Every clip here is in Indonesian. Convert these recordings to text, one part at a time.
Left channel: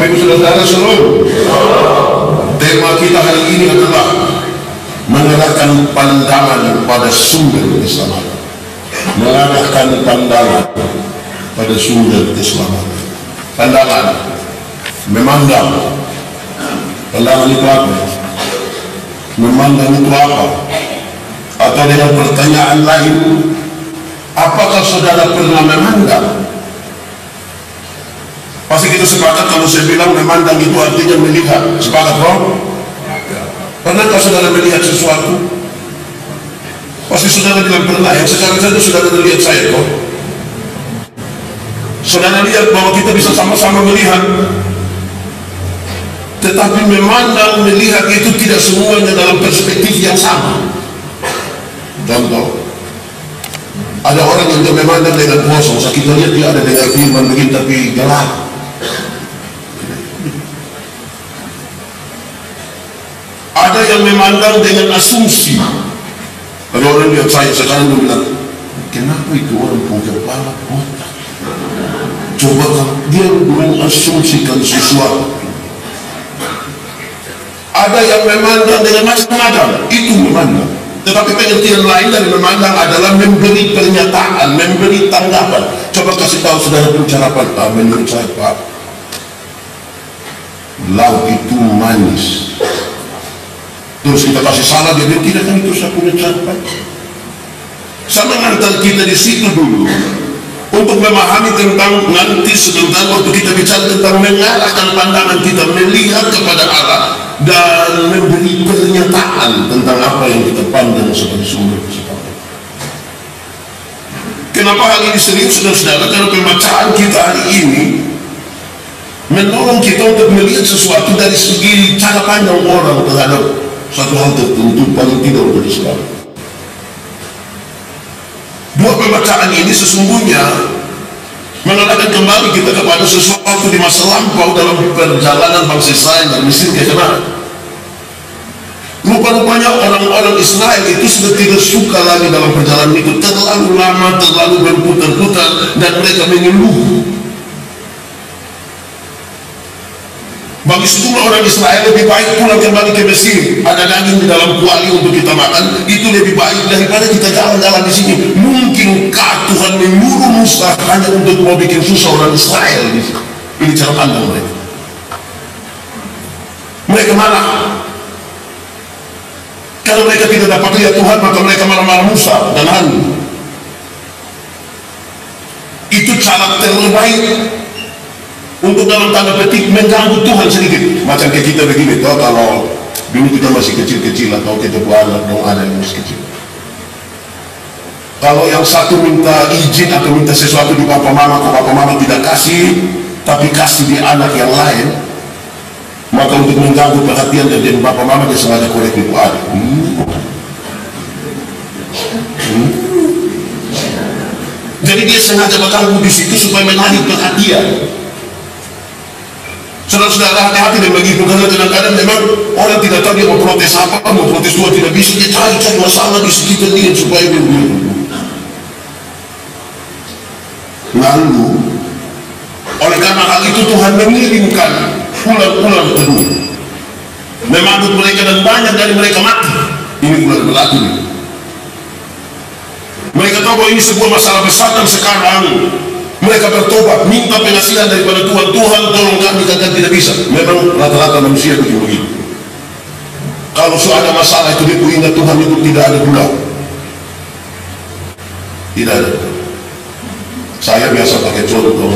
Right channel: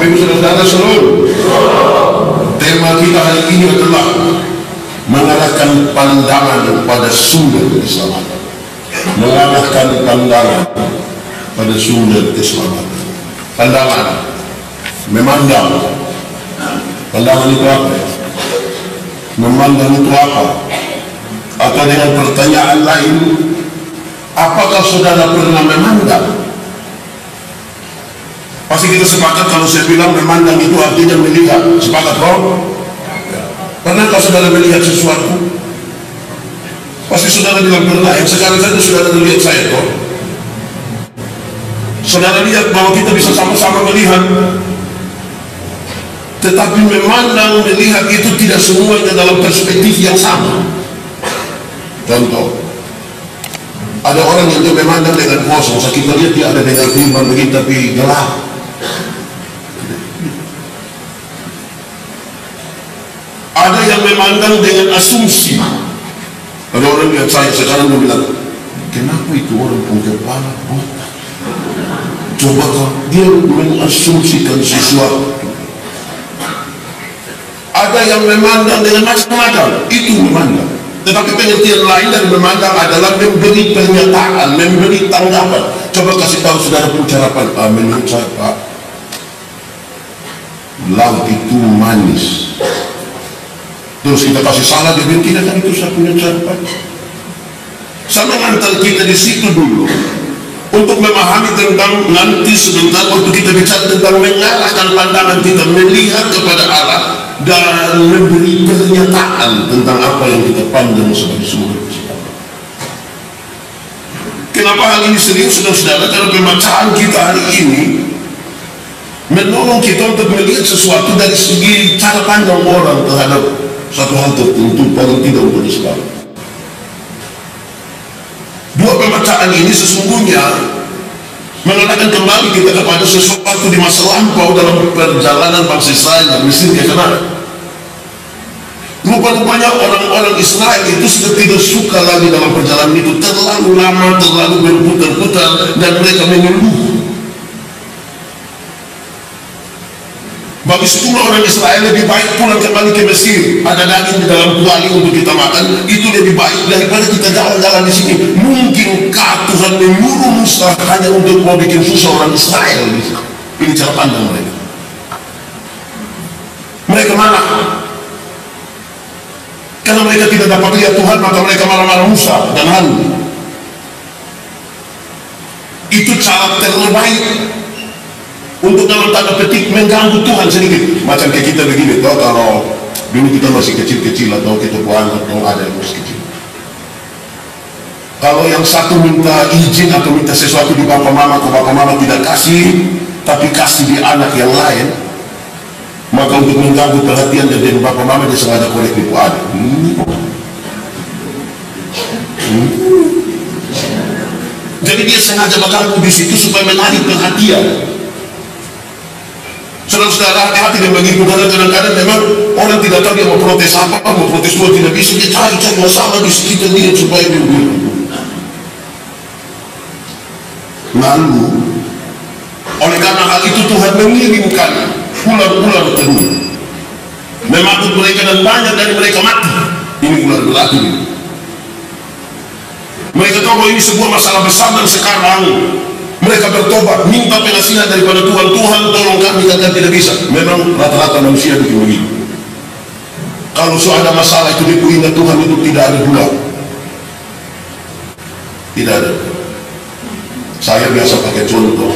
Bapak Ibu Saudara seluruh, tema kita hari ini adalah mengarahkan pandangan pada sumber keselamatan. Mengarahkan pandangan pada sumber keselamatan. Pandangan, memandang. Pandangan itu apa? Memandang itu apa? Atau dengan pertanyaan lain, apakah saudara pernah memandang? Pasti kita sepakat kalau saya bilang memandang itu artinya melihat. Sepakat, bro? Pernahkah saudara melihat sesuatu? Pasti saudara bilang pernah. Yang sekarang saja saudara lihat saya, kok. Saudara lihat bahwa kita bisa sama-sama melihat. Tetapi memandang, melihat itu tidak semuanya dalam perspektif yang sama. Contoh, ada orang yang dia memandang dengan kosong. Saya kita lihat dia ada dengan firman begini tapi gelap. Ada yang memandang dengan asumsi. Ada orang lihat saya sekarang dia bilang, kenapa itu orang punya kepala botak? Coba dia mengasumsikan sesuatu. Ada yang memandang dengan macam-macam, itu memandang. Tetapi pengertian lain dari memandang adalah memberi pernyataan, memberi tanggapan. Coba kasih tahu saudara pencerapan, menurut saya Pak, laut itu manis. Terus kita kasih salah, dia bilang tidak, kan itu saya punya catatan. Saya mengantar kita di situ dulu untuk memahami tentang nanti sebentar waktu kita bicara tentang mengarahkan pandangan kita melihat kepada Allah dan memberi pernyataan tentang apa yang kita pandang sebagai sumber keselamatan. Kenapa hal ini serius, saudara-saudara? Karena pembacaan kita hari ini menolong kita untuk melihat sesuatu dari segi cara pandang orang terhadap satu hal tertentu, paling tidak untuk Islam. Dua pembacaan ini sesungguhnya menarikkan kembali kita kepada sesuatu di masa lampau dalam perjalanan bangsa Israel dari Mesir ke Kanaan. Rupa-rupanya orang-orang Israel itu sudah tidak suka lagi dalam perjalanan itu, terlalu lama, terlalu berputar-putar, dan mereka mengeluh. Bagi sejumlah orang Israel lebih baik pulang kembali ke Mesir. Ada daging di dalam kuali untuk kita makan, itu lebih baik daripada kita jalan-jalan di sini. Mungkinkah Tuhan menyuruh Musa hanya untuk mau bikin susah orang Israel di sini? Ini cara pandang mereka. Mereka marah karena mereka tidak dapat lihat Tuhan, maka mereka marah-marah Musa dan Harun. Itu cara terbaik untuk dalam tanda petik mengganggu Tuhan sedikit. Macam kayak kita begini, kalau dulu kita masih kecil-kecil atau kita buang atau ada yang masih kecil. Kalau yang satu minta izin atau minta sesuatu di bapak mama, kok bapak mama tidak kasih, tapi kasih di anak yang lain, maka untuk mengganggu perhatian dari bapak mama dia sengaja korek itu ada. Jadi dia sengaja mengganggu di situ supaya menarik perhatian. Saudara-saudara, hati-hati dengan begitu, karena kadang-kadang memang orang tidak tahu dia mau protes apa, mau protes Tuhan tidak bisa, dia cari-cari masalah di sekitar dia supaya dia bilang. Lalu, oleh karena hal itu Tuhan mengirimkan ular-ular kedua, memanggul mereka dan banyak dari mereka mati. Ini ular berlaku. Mereka tahu bahwa ini sebuah masalah besar dan sekarang mereka bertobat, minta pengasihan daripada Tuhan. Tuhan tolong kami, kan tidak bisa. Memang rata-rata manusia bikin begitu. Kalau sudah ada masalah itu dia ingat Tuhan itu tidak ada gula. Tidak ada. Saya biasa pakai contoh.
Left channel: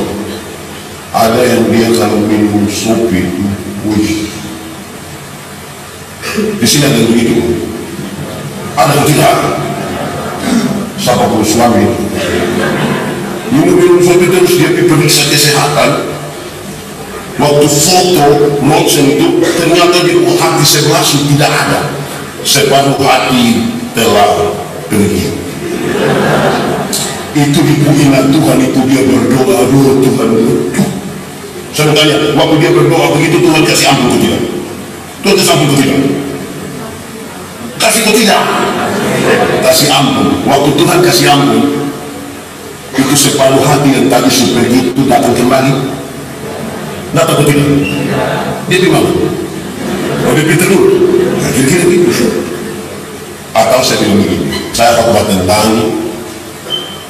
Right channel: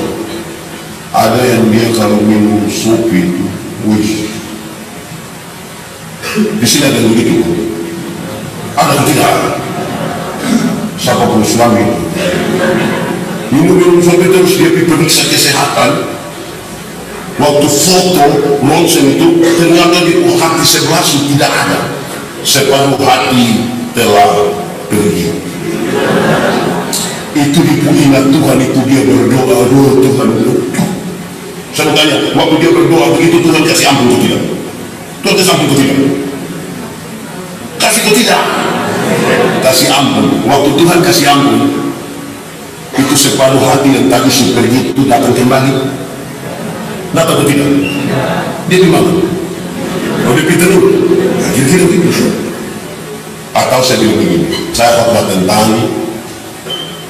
Ada yang dia kalau minum sopi itu, wih. Di sini ada yang begitu. Ada yang tidak. Siapa pun suami itu. Minum sopi terus dia periksa kesehatan. Waktu foto ronsen itu ternyata di hati sebelah tidak ada, separuh hati telah pergi. Itu diingat Tuhan, itu dia berdoa, aduh Tuhan. Saya mau tanya, waktu dia berdoa begitu Tuhan kasih ampun atau tidak? Tuhan kasih ampun atau tidak? Kasih atau tidak? Kasih ampun. Waktu Tuhan kasih ampun, itu separuh hati yang tadi pergi itu datang kembali. Nggak takut tidak? Dia di mana? Oh, dia pergi terus. Nah, kira-kira gitu. Atau saya bilang begini, saya khotbah tentang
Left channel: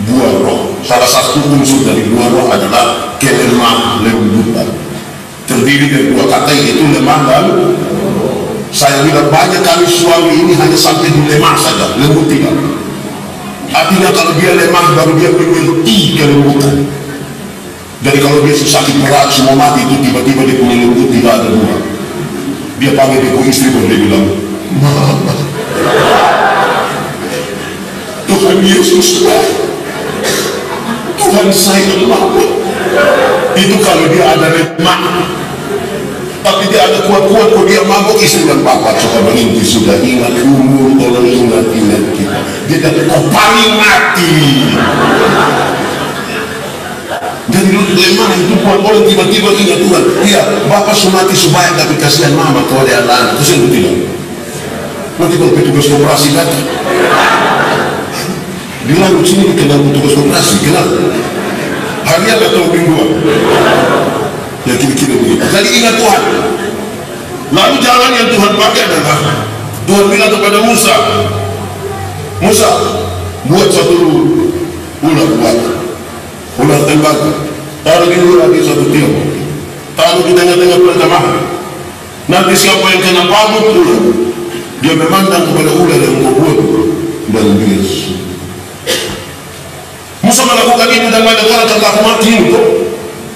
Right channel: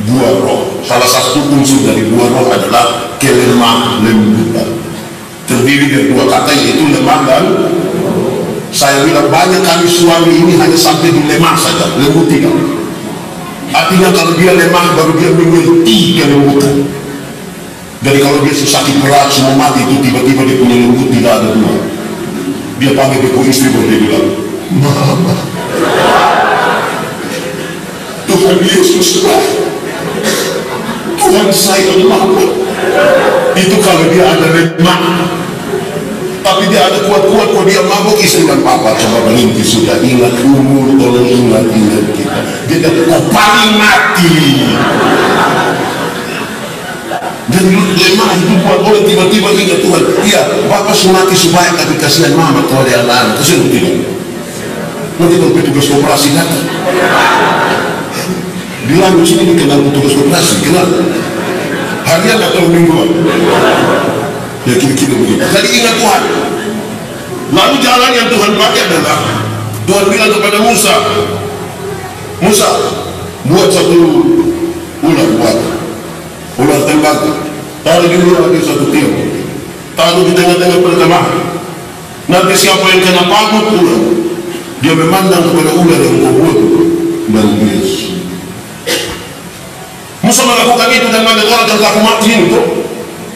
buah roh. Salah satu unsur dari buah roh adalah kelemah lembutan. Terdiri dari dua kata, yaitu lemah dan saya bilang banyak kami suami ini hanya sampai di lemah saja, lembut tidak. Artinya kalau dia lemah baru dia mengerti kelembutan. Jadi kalau dia sakit berat semua mati itu tiba-tiba dia punya lembut tidak ada dua. Dia panggil dia istri baru dia bilang, Mama, Tuhan Yesus Tuhan sayang Mama. Itu kalau dia ada lemah. Tapi dia ada kuat-kuat, kok dia mabuk, istri dan papa coba berhenti, sudah ingat umur, tolong ingat kita. Dia kata kau paling mati. Jadi lemah itu buat orang tiba-tiba ingat Tuhan. Iya, bapak sunati sebaik tapi kasihan mama kalau ada anak, kasihan tidak. Nanti kalau petugas koperasi datang, di lalu sini dikenal petugas koperasi, kenal harian atau mingguan. Ya kira-kira begitu. Jadi ingat Tuhan. Lalu jalan yang Tuhan pakai adalah Tuhan bilang kepada Musa, Musa, buat satu ular tembak, taruh di luar di satu tiang, taruh di tengah-tengah perkemahan. Nanti siapa yang kena pagut ular, dia memandang kepada ular yang kau buat dan bias. Musa melakukan itu dan banyak orang terlaku mati itu.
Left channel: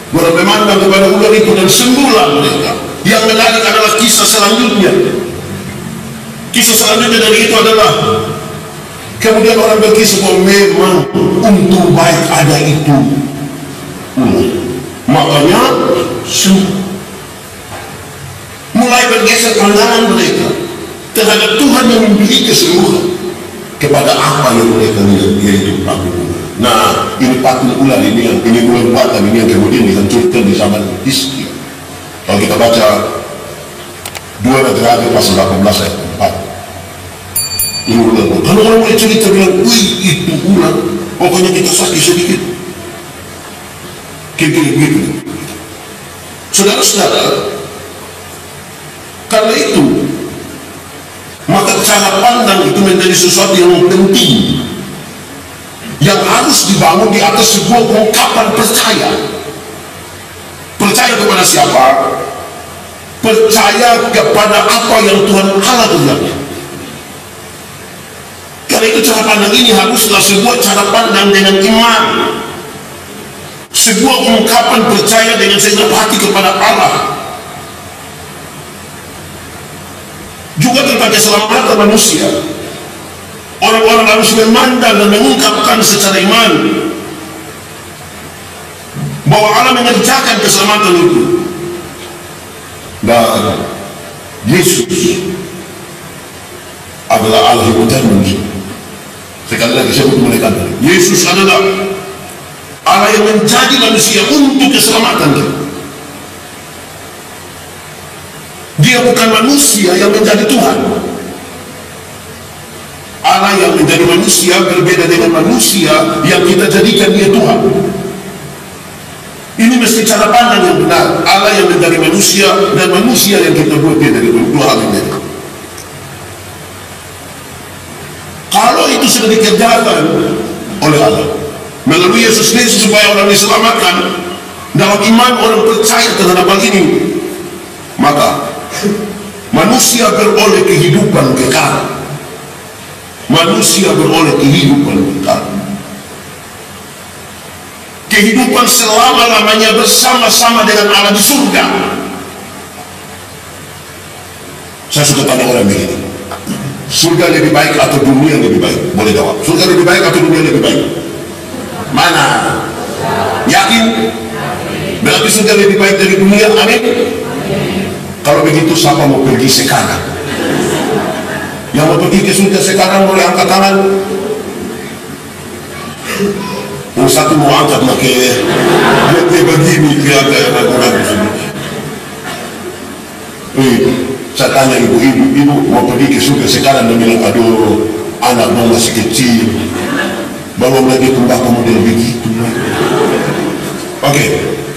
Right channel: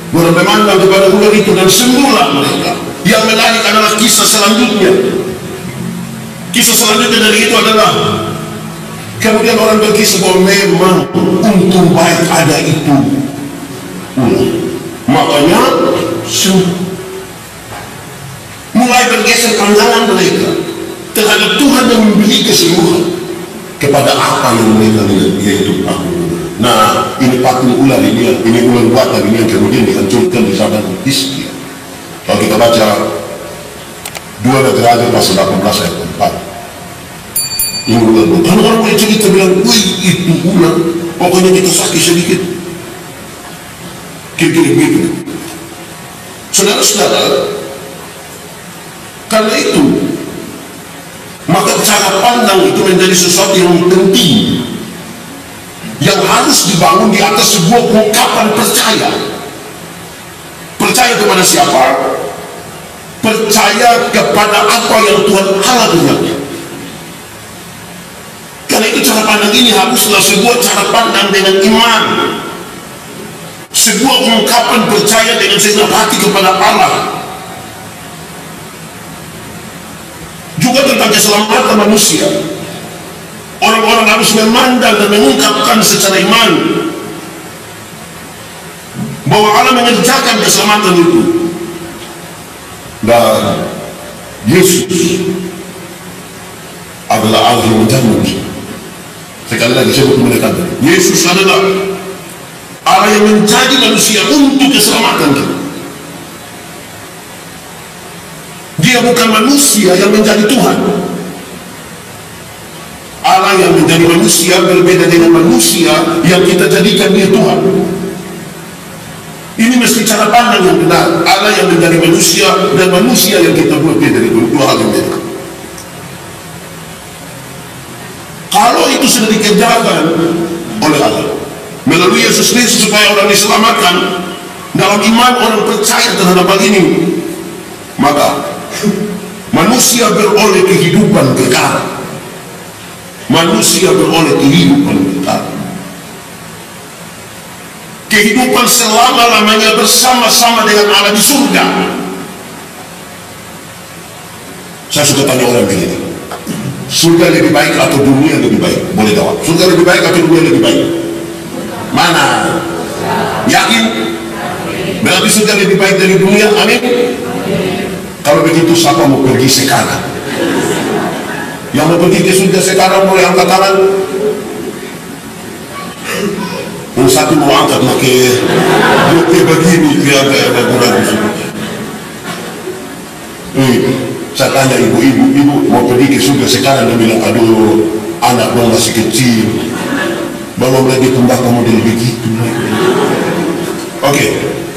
Orang memandang kepada ular itu dan sembuhlah mereka. Yang menarik adalah kisah selanjutnya. Kisah selanjutnya dari itu adalah kemudian orang berkisah bahwa memang untung baik ada itu ular. Makanya sembuh. Mulai bergeser pandangan mereka terhadap Tuhan yang memberi kesembuhan kepada apa yang mereka lihat, yaitu patung ular. Nah, ini patung ular ini ular buatan ini yang kemudian dihancurkan di zaman Hizkia. Kalau kita baca 2 Raja pasal 18 ayat 4, ini ular buatan. Kalau orang mulai cerita bilang, wih itu ular, pokoknya kita sakit sedikit. Kira-kira begitu. Saudara-saudara, karena itu maka cara pandang itu menjadi sesuatu yang penting, yang harus dibangun di atas sebuah ungkapan percaya. Percaya kepada siapa? Percaya kepada apa yang Tuhan Allah kerjakan. Karena itu cara pandang ini haruslah sebuah cara pandang dengan iman, sebuah ungkapan percaya dengan segenap hati kepada Allah. Juga tentang keselamatan manusia, orang-orang harus memandang dan mengungkapkan secara iman bahwa Allah mengerjakan keselamatan itu. Dan Yesus adalah Allah yang mencari manusia. Sekali lagi saya butuh menekankan, Yesus adalah Allah yang menjadi manusia untuk keselamatan kita. Dia bukan manusia yang menjadi Tuhan. Allah yang menjadi manusia berbeda dengan manusia yang kita jadikan dia Tuhan. Ini mesti cara pandang yang benar. Allah yang menjadi manusia dan manusia yang kita buat dia dari dua hal yang beda. Kalau itu sudah dikerjakan oleh Allah melalui Yesus Kristus supaya orang diselamatkan, dalam iman orang percaya terhadap hal ini, maka manusia beroleh kehidupan kekal. Manusia beroleh kehidupan kekal, kehidupan selama-lamanya bersama-sama dengan Allah di surga. Saya suka tanya orang begini, surga lebih baik atau dunia lebih baik? Boleh jawab, surga lebih baik atau dunia lebih baik? Mana? Yakin? Berarti surga lebih baik dari dunia? Amin. Kalau begitu siapa mau pergi sekarang? Yang mau pergi ke surga sekarang boleh angkat tangan. Yang satu mau angkat pakai dia begini, dia agak ragu-ragu. Saya tanya ibu mau pergi ke surga sekarang, dia bilang, aduh anak dong masih kecil, belum lagi tembakau model begitu. Oke,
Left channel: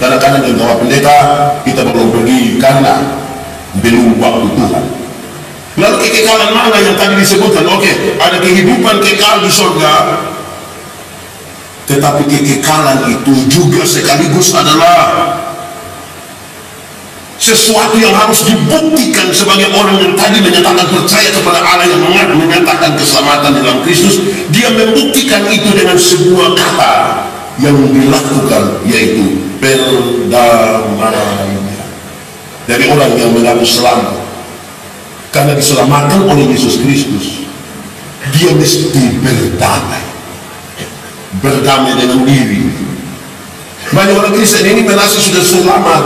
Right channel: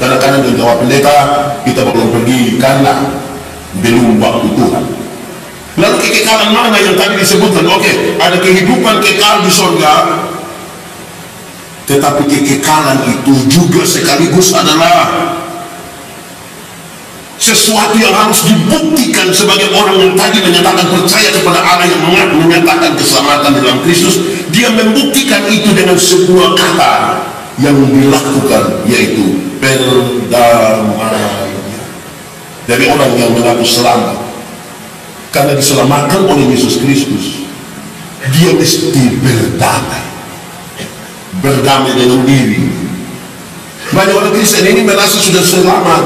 kadang-kadang dengan jawab pendeta, kita belum pergi karena belum waktu Tuhan. Lalu kekekalan mana yang tadi disebutkan? Oke, ada kehidupan kekal di surga, tetapi kekekalan itu juga sekaligus adalah sesuatu yang harus dibuktikan sebagai orang yang tadi menyatakan percaya kepada Allah, yang menyatakan keselamatan dalam Kristus. Dia membuktikan itu dengan sebuah kata yang dilakukan, yaitu perdamaian. Dari orang yang mengaku selamat karena diselamatkan oleh Yesus Kristus, dia mesti berdamai dengan diri. Banyak orang Kristen ini merasa sudah selamat,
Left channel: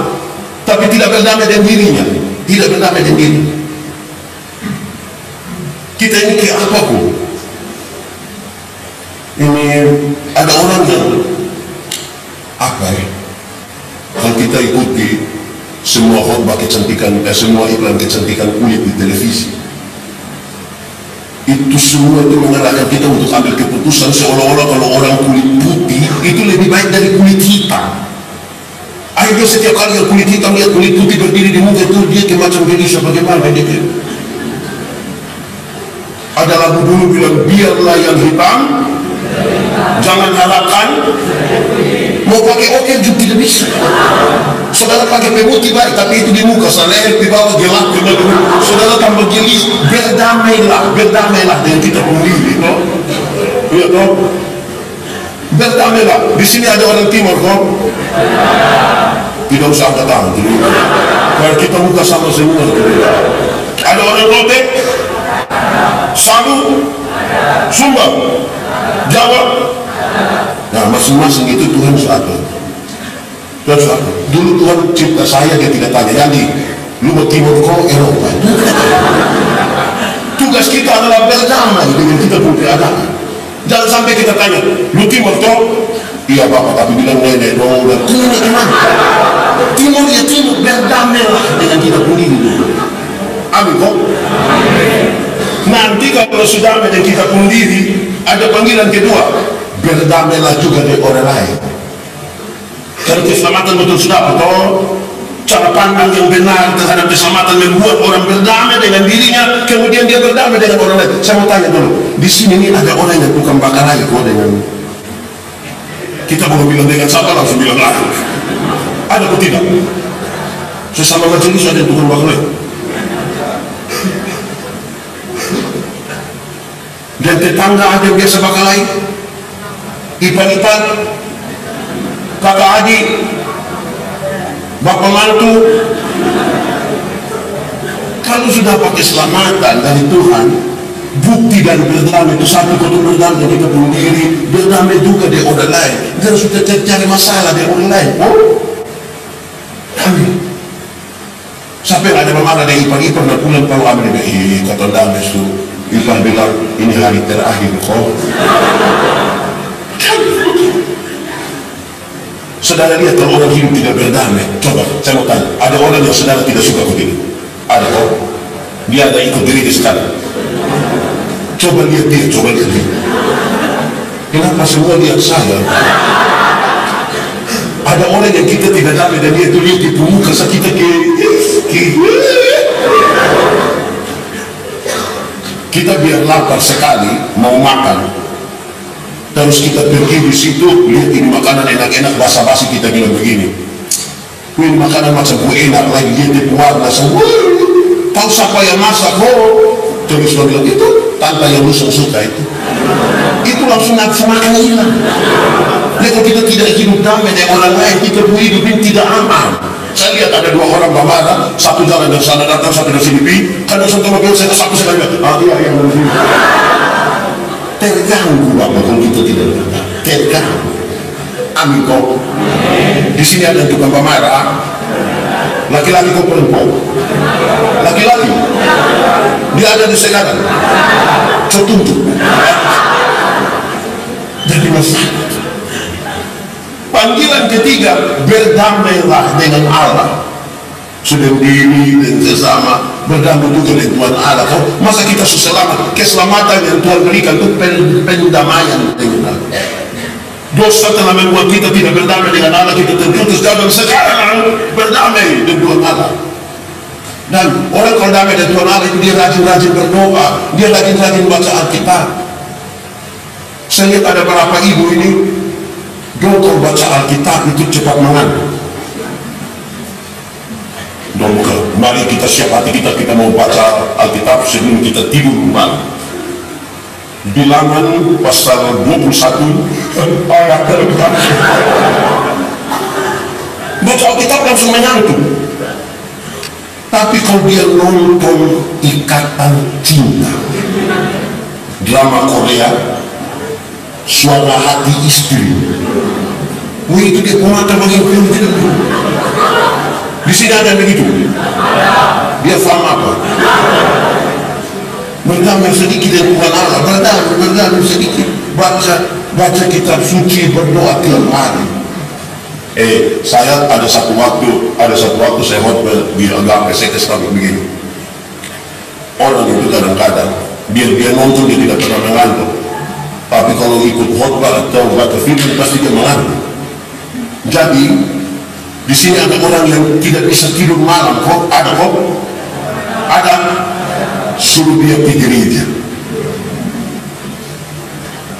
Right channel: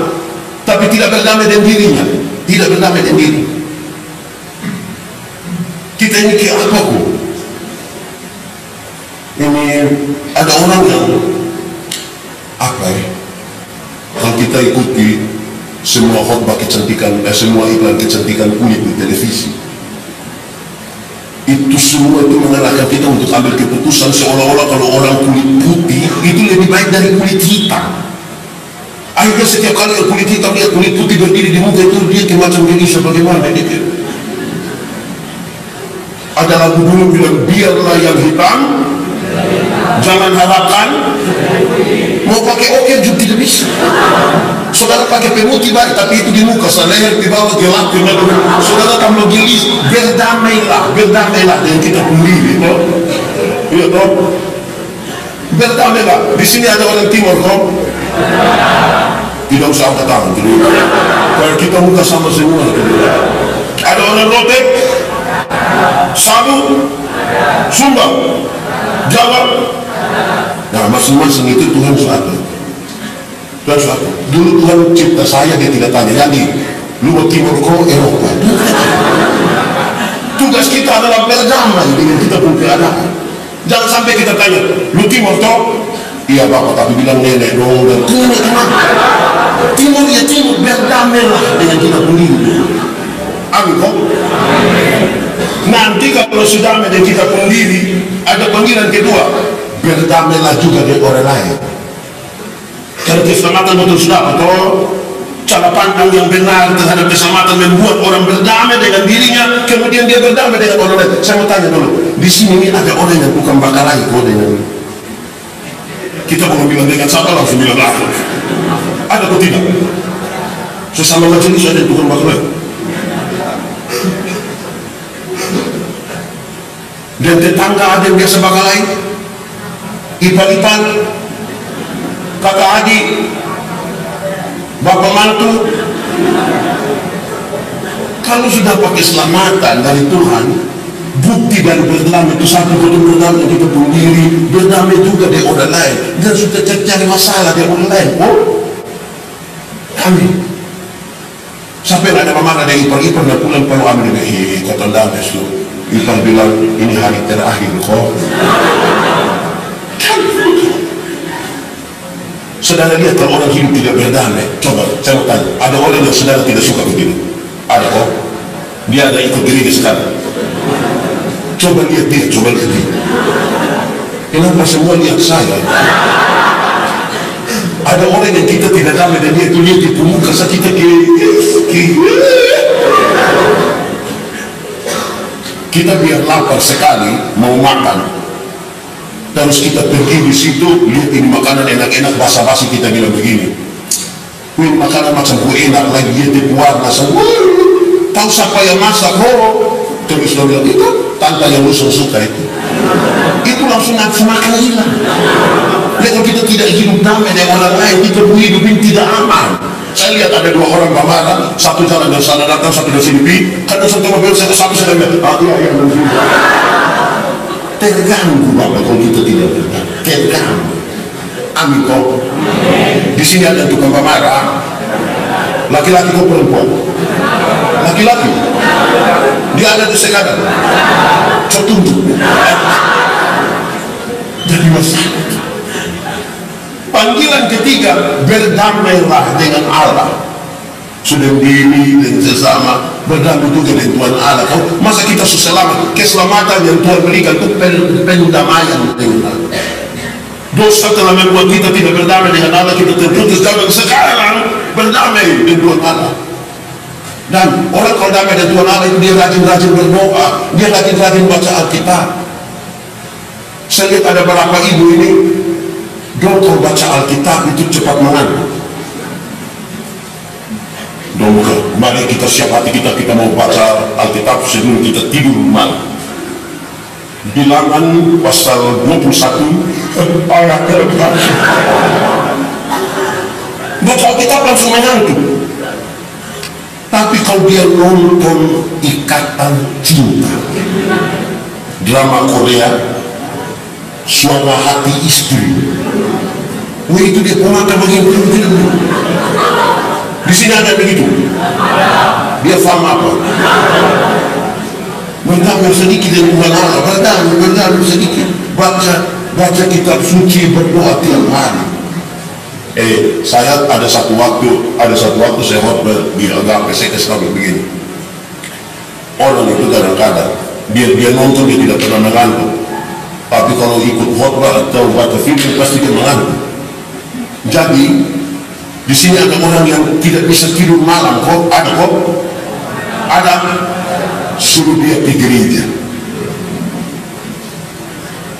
tapi tidak berdamai dengan dirinya, tidak berdamai dengan diri. Kita ini kayak apa kok? Ini ada orang yang kalau kita ikuti semua khotbah kecantikan, semua iklan kecantikan kulit di televisi, itu semua itu mengarahkan kita untuk ambil keputusan seolah-olah kalau orang kulit putih itu lebih baik dari kulit hitam. Akhirnya setiap kali yang kulit hitam lihat kulit putih berdiri di muka itu, dia macam gelisah. Bagaimana dia? Ada lagu dulu bilang, biarlah yang hitam, jangan harapkan. Mau pakai oke juga tidak bisa. Saudara pakai pemutih baik, tapi itu di muka, leher di bawah gelap. Saudara tambah gelis. Berdamailah dengan kita sendiri, toh. Iya toh. Berdamailah. Di sini ada orang timur kok. Tidak usah angkat tangan. Kalau kita muka sama semua. Ada orang Rote, Sabu, Sumba, Jawa. Nah, masing-masing itu Tuhan suatu. Dulu Tuhan cipta saya, dia tidak tanya, jadi lu mau timur kok Eropa. Tugas kita adalah berdamai dengan kita pun keadaan. Jangan sampai kita tanya, lu timur toh? Iya Bapak, tapi bilang nenek dong. Nenek gimana? Timur ya timur, berdamailah dengan kita sendiri. Amin kok. Nanti kalau sudah dengan kita sendiri, ada panggilan kedua, berdamailah juga dengan orang lain. Karena keselamatan betul sudah atau cara pandang yang benar terhadap keselamatan membuat orang berdamai dengan dirinya, kemudian dia berdamai dengan orang lain. Saya mau tanya dulu, di sini ini ada orang yang bukan bakal lagi kok dengan kita belum bilang dengan siapa langsung bilang lah. Ada atau tidak? Sesama majelis ada yang bukan bakal lagi. Dan tetangga ada yang biasa bakal lain, ipar-ipar, kakak adik, bapak mantu. Kalau sudah pakai keselamatan dari Tuhan, bukti dari berdamai itu satu, kau berdamai dengan kita sendiri, berdamai juga dengan orang lain. Dan sudah cari masalah dengan orang lain. Oh, amin. Sampai ada memarah dari ipar-ipar dan pulang kalau amin dia, kata damai su. Ipar bilang ini hari terakhir kok. Saudara lihat kalau orang hidup tidak berdamai. Coba saya mau tanya, ada orang yang saudara tidak suka begitu? Ada kok. Dia ada ikut gereja sekarang. Coba lihat dia. Kenapa semua lihat saya? Ada orang yang kita tidak damai dan dia itu lihat di muka kita kita biar lapar sekali mau makan, terus kita pergi di situ lihat ini makanan enak-enak, basa-basi kita bilang begini, ini makanan macam bu enak lagi, lihat di warna semua, tahu siapa yang masak, terus dia bilang itu tante yang lu suka itu langsung nafsu makan hilang. Jadi kalau kita tidak hidup damai dengan orang lain, kita hidup ini tidak aman. Saya lihat ada dua orang bermarah, satu jalan dari sana datang, satu dari sini pergi. Kadang satu mobil satu saya bilang, iya begini. Terganggu Bapak kalau kita tidak berdamai. Terganggu. Amin kok. Di sini ada tukang pemarah. Laki-laki kok perempuan? Laki-laki. Dia ada di sekarang. Tertuntut. Jadi masalah. Panggilan ketiga, berdamailah dengan Allah. Sudah diri dan sesama, berdamai juga dengan Tuhan Allah. Masa kita selamat? Keselamatan yang Tuhan berikan itu pendamaian dengan Allah. Dosa telah membuat kita tidak berdamai dengan Allah, kita terputus jauh, dan sekarang berdamai dengan Tuhan Allah. Dan orang kalau damai dengan Tuhan Allah itu dia rajin-rajin berdoa, dia rajin-rajin baca Alkitab. Saya lihat ada beberapa ibu ini, kalau baca Alkitab itu cepat mengantuk. Mari kita siap hati kita mau baca Alkitab sebelum kita tidur malam. Bilangan pasal 21 ayat 4. Baca Alkitab langsung mengantuk. Tapi kalau dia nonton Ikatan Cinta, drama Korea, Suara Hati Istri, itu dia mata bagian tidak. Di sini ada begitu. Dia faham apa? Berdamai sedikit dengan Tuhan Allah, berdamai sedikit. Baca kitab suci, berdoa tiap hari. Saya ada satu waktu saya khotbah di agama, saya kasih tahu begini. Orang itu kadang-kadang dia nonton dia tidak pernah mengantuk. Tapi kalau ikut khotbah atau baca film pasti dia mengantuk. Jadi di sini ada orang yang tidak bisa tidur malam kok, ada, suruh dia pergi gereja.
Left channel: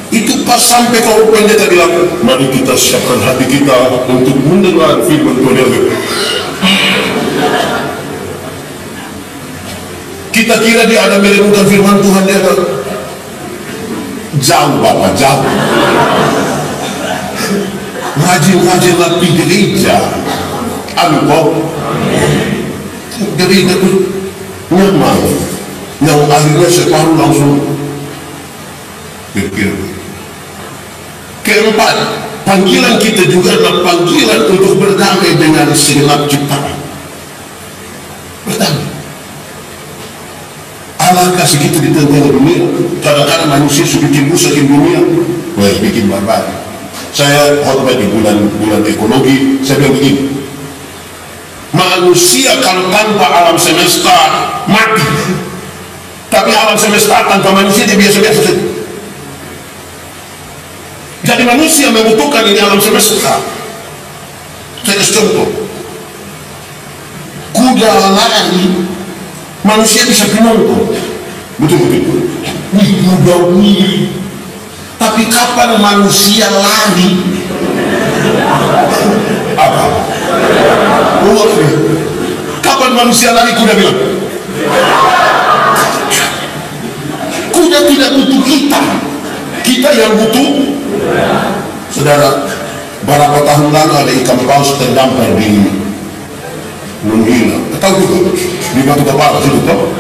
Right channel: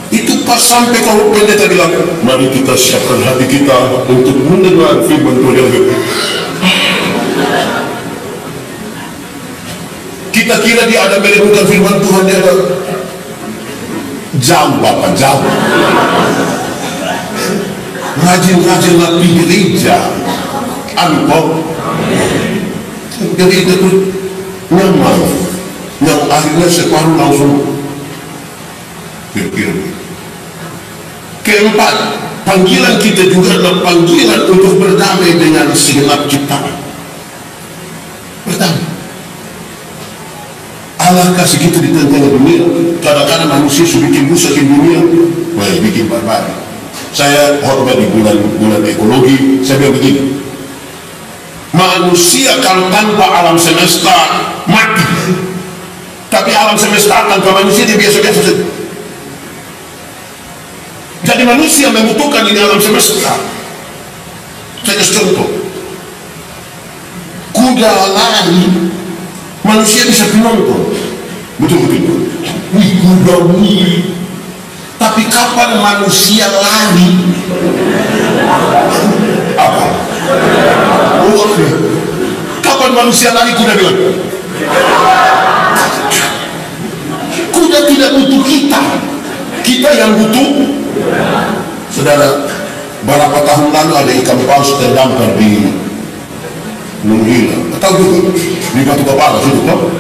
Itu pas sampai kalau pendeta bilang, mari kita siapkan hati kita untuk mendengar firman Tuhan. Kita kira dia ada merenungkan firman Tuhan, dia ada jauh Bapak, jauh. Rajin-rajinlah pergi gereja. Amin kok. Gereja itu nyaman. Yang akhirnya separuh langsung kira-kira. Keempat, panggilan kita juga adalah panggilan untuk berdamai dengan segenap ciptaan. Berdamai. Allah kasih kita di tengah dunia. Kadang-kadang manusia sudah bikin rusak di dunia, bikin barbar. Saya khotbah di bulan ekologi, saya bilang begini, manusia kalau tanpa alam semesta mati, tapi alam semesta tanpa manusia dia biasa-biasa saja. Jadi manusia membutuhkan ini alam semesta. Saya kasih contoh, kuda lari, manusia bisa penonton, betul-betul. Kuda wih. Tapi kapan manusia lari? Apa? Kapan manusia lari? Kuda bilang, kuda tidak butuh kita, kita yang butuh. Saudara, beberapa tahun lalu ada ikan paus terdampar di Nunggila, tahu juga di Batu Kepala situ toh.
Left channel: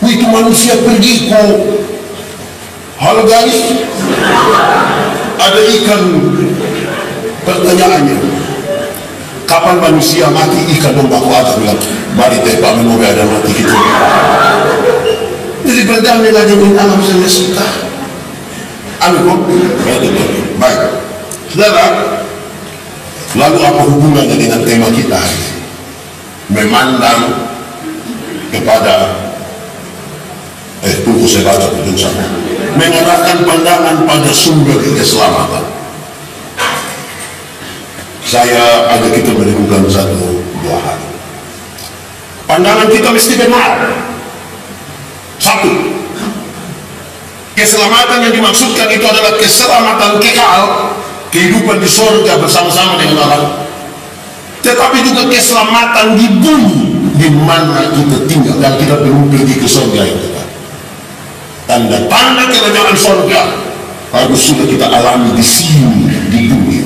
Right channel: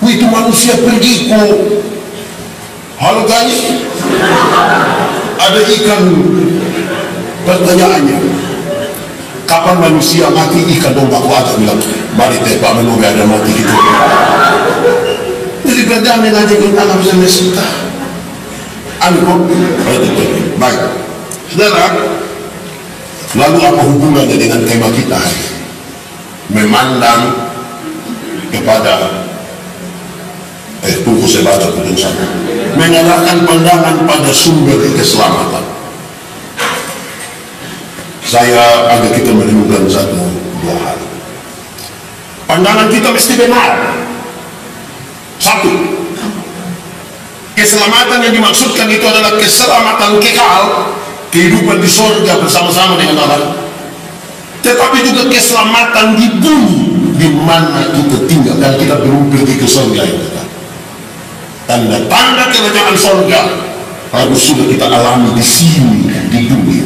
Itu manusia pergi kok. Halo guys, ada ikan. Pertanyaannya, kapan manusia mati? Ikan dong baku aja bilang, mari tepak menobe ada mati gitu. Jadi berdamai dengan alam semesta. Anu, baik. Saudara, lalu apa hubungannya dengan tema kita hari ini? Memandang kepada tunggu saya baca putus sama. Mengarahkan pandangan pada sumber keselamatan. Saya ajak kita merenungkan dua hal. Pandangan kita mesti benar. Satu, keselamatan yang dimaksudkan itu adalah keselamatan kekal, kehidupan di surga bersama-sama dengan Allah. Tetapi juga keselamatan di bumi di mana kita tinggal, dan kita belum pergi ke surga itu. Tanda-tanda kerajaan surga harus sudah kita alami di sini, di dunia.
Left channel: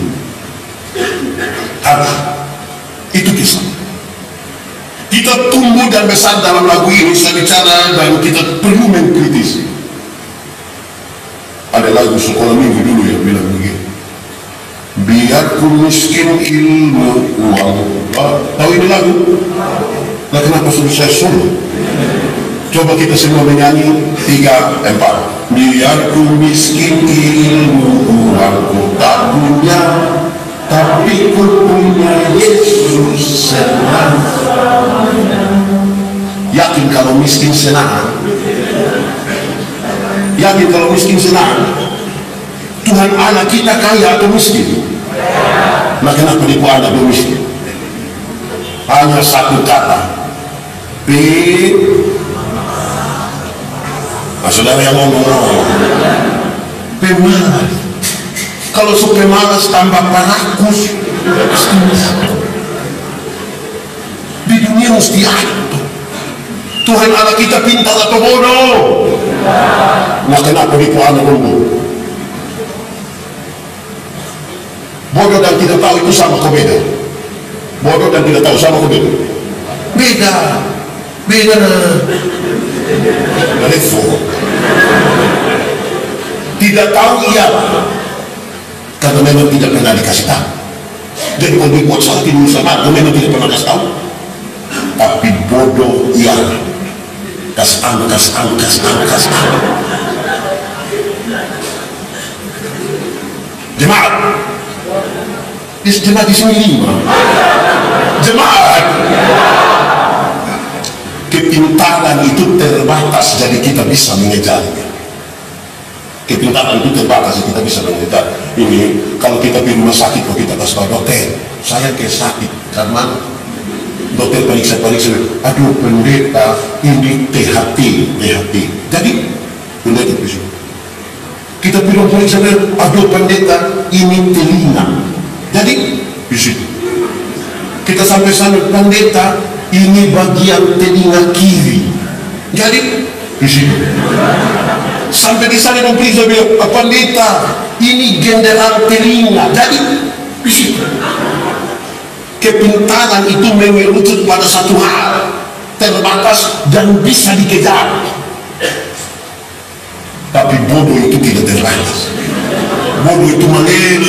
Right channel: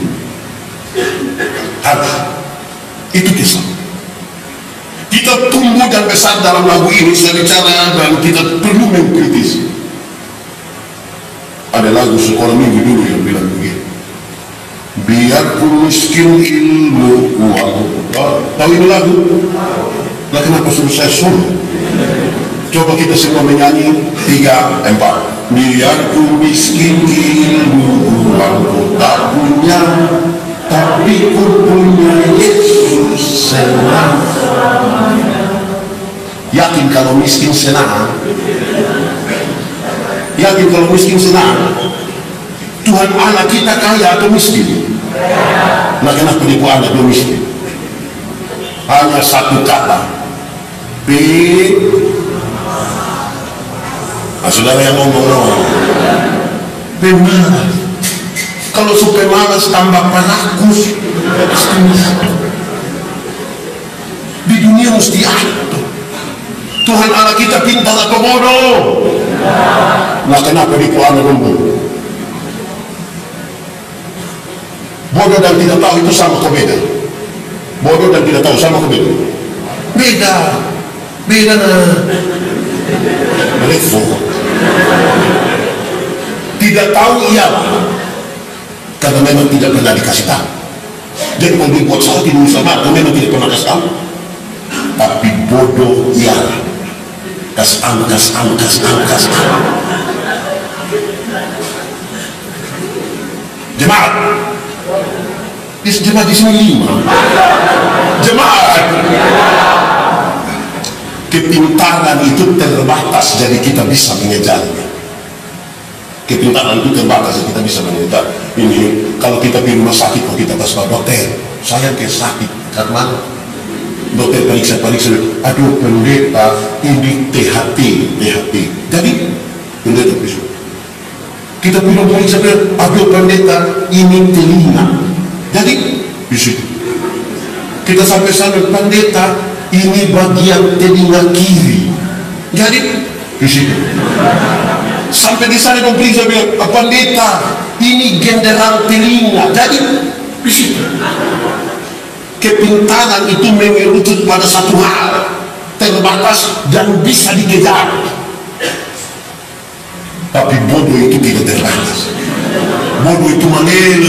Itu kisah. Kita tumbuh dan besar dalam lagu ini, saya bicara, dan kita perlu mengkritisi. Ada lagu sekolah minggu dulu yang bilang begini, biarpun miskin ilmu uang. Tahu ini lagu? Nah, kenapa suruh saya solo? Coba kita semua menyanyi 3, 4. Biarpun miskin ilmu uangku tak punya, tapi ku punya Yesus senang. Yakin kalau miskin senang? Yakin kalau miskin senang? Tuhan Allah kita kaya atau miskin? Nah, kenapa dia buat anak dia miskin? Hanya satu kata, nah, saudara yang ngomong pemalas. Kalau supaya malas tambah perakus, di dunia mesti ada. Tuhan Allah kita pintar atau bodoh? Nah, kenapa dia buat anak bodoh? Bodoh dan tidak tahu itu sama kok beda? Bodoh dan tidak tahu sama kok beda? Beda nah. Tidak tahu ialah karena memang tidak pernah dikasih tahu. Jadi kalau dibuat salah tidak usah marah, memang tidak pernah kasih tahu. Tapi bodoh ialah kasih tahu. Jemaat di sini 5 jemaat. Kepintaran itu terbatas, jadi kita bisa mengejarnya. Kepintaran itu terbatas, jadi kita bisa mengejar. Ini kalau kita pergi rumah sakit, kalau kita kasih tahu dokter, saya sakit karena dokter periksa, aduh pendeta ini THT. Jadi pendeta periksa, kita periksa, aduh pendeta ini telinga. Jadi di situ kita sampai sana, pendeta ini bagian telinga kiri. Jadi di situ sampai di sana dong periksa, bilang pendeta ini genderan telinga. Jadi di situ kepintaran itu mengerucut pada satu hal terbatas dan bisa dikejar. Tapi bodoh itu tidak terbatas. Bodoh itu meleleh.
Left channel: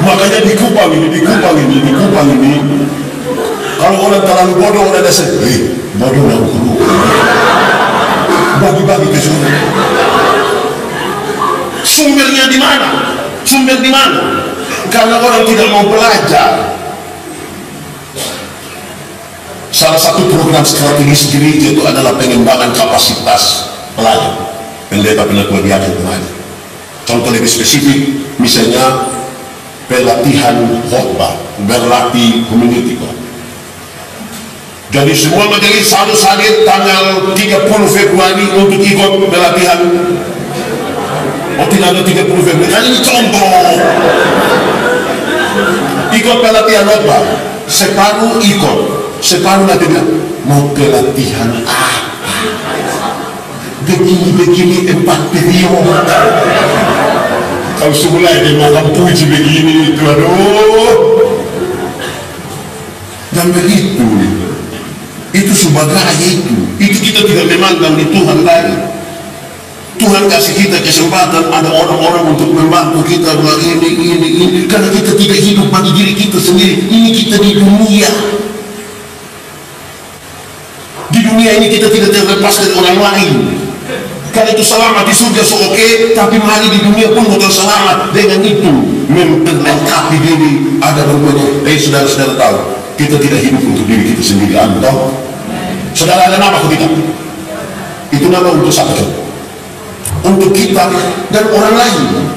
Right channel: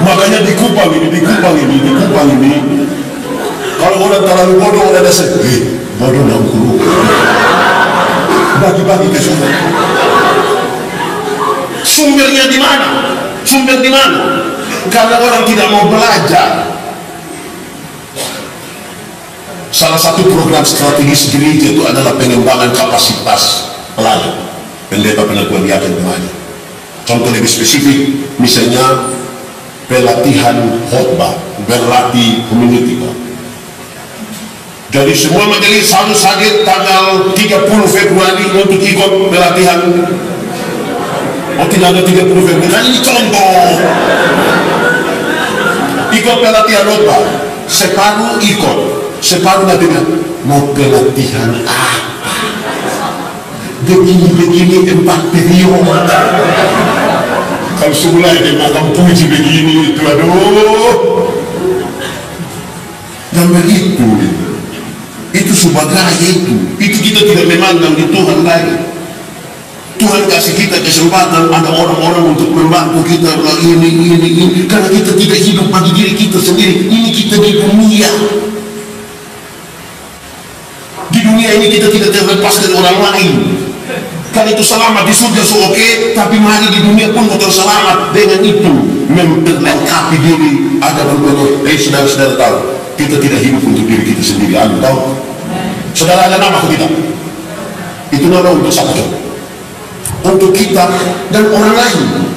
Makanya di Kupang ini kalau orang terlalu bodoh, orang dasar bodoh dan guru bagi-bagi ke sumber. Sumber di mana? Karena orang tidak mau belajar. Salah satu program strategis gereja itu adalah pengembangan kapasitas pelayan. Pendeta peneguhan diaken kemarin. Contoh lebih spesifik, misalnya pelatihan khotbah, berlatih community. Jadi semua majelis harus hadir tanggal 30 Februari untuk ikut pelatihan. Oh, tidak ada 30 Februari. Nah, ini contoh. Ikut pelatihan khotbah, separuh ikut, separuh nanti bilang mau pelatihan apa? Begini 4 periode. Kalau semula dia makan puji begini itu, aduh. Dan begitu, itu sebagai itu kita tidak memandang di Tuhan lagi. Tuhan kasih kita kesempatan, ada orang-orang untuk membantu kita ini, karena kita tidak hidup bagi diri kita sendiri. Ini kita di dunia. Di dunia ini kita tidak terlepas dari orang lain. Karena itu selamat di surga oke, tapi mari di dunia pun bukan selamat. Dengan itu memperlengkapi diri. Ada berbagai. Saudara-saudara tahu, kita tidak hidup untuk diri kita sendiri. Anda tahu? Saudara ada nama atau tidak? Itu nama untuk siapa coba? Untuk kita dan orang lain.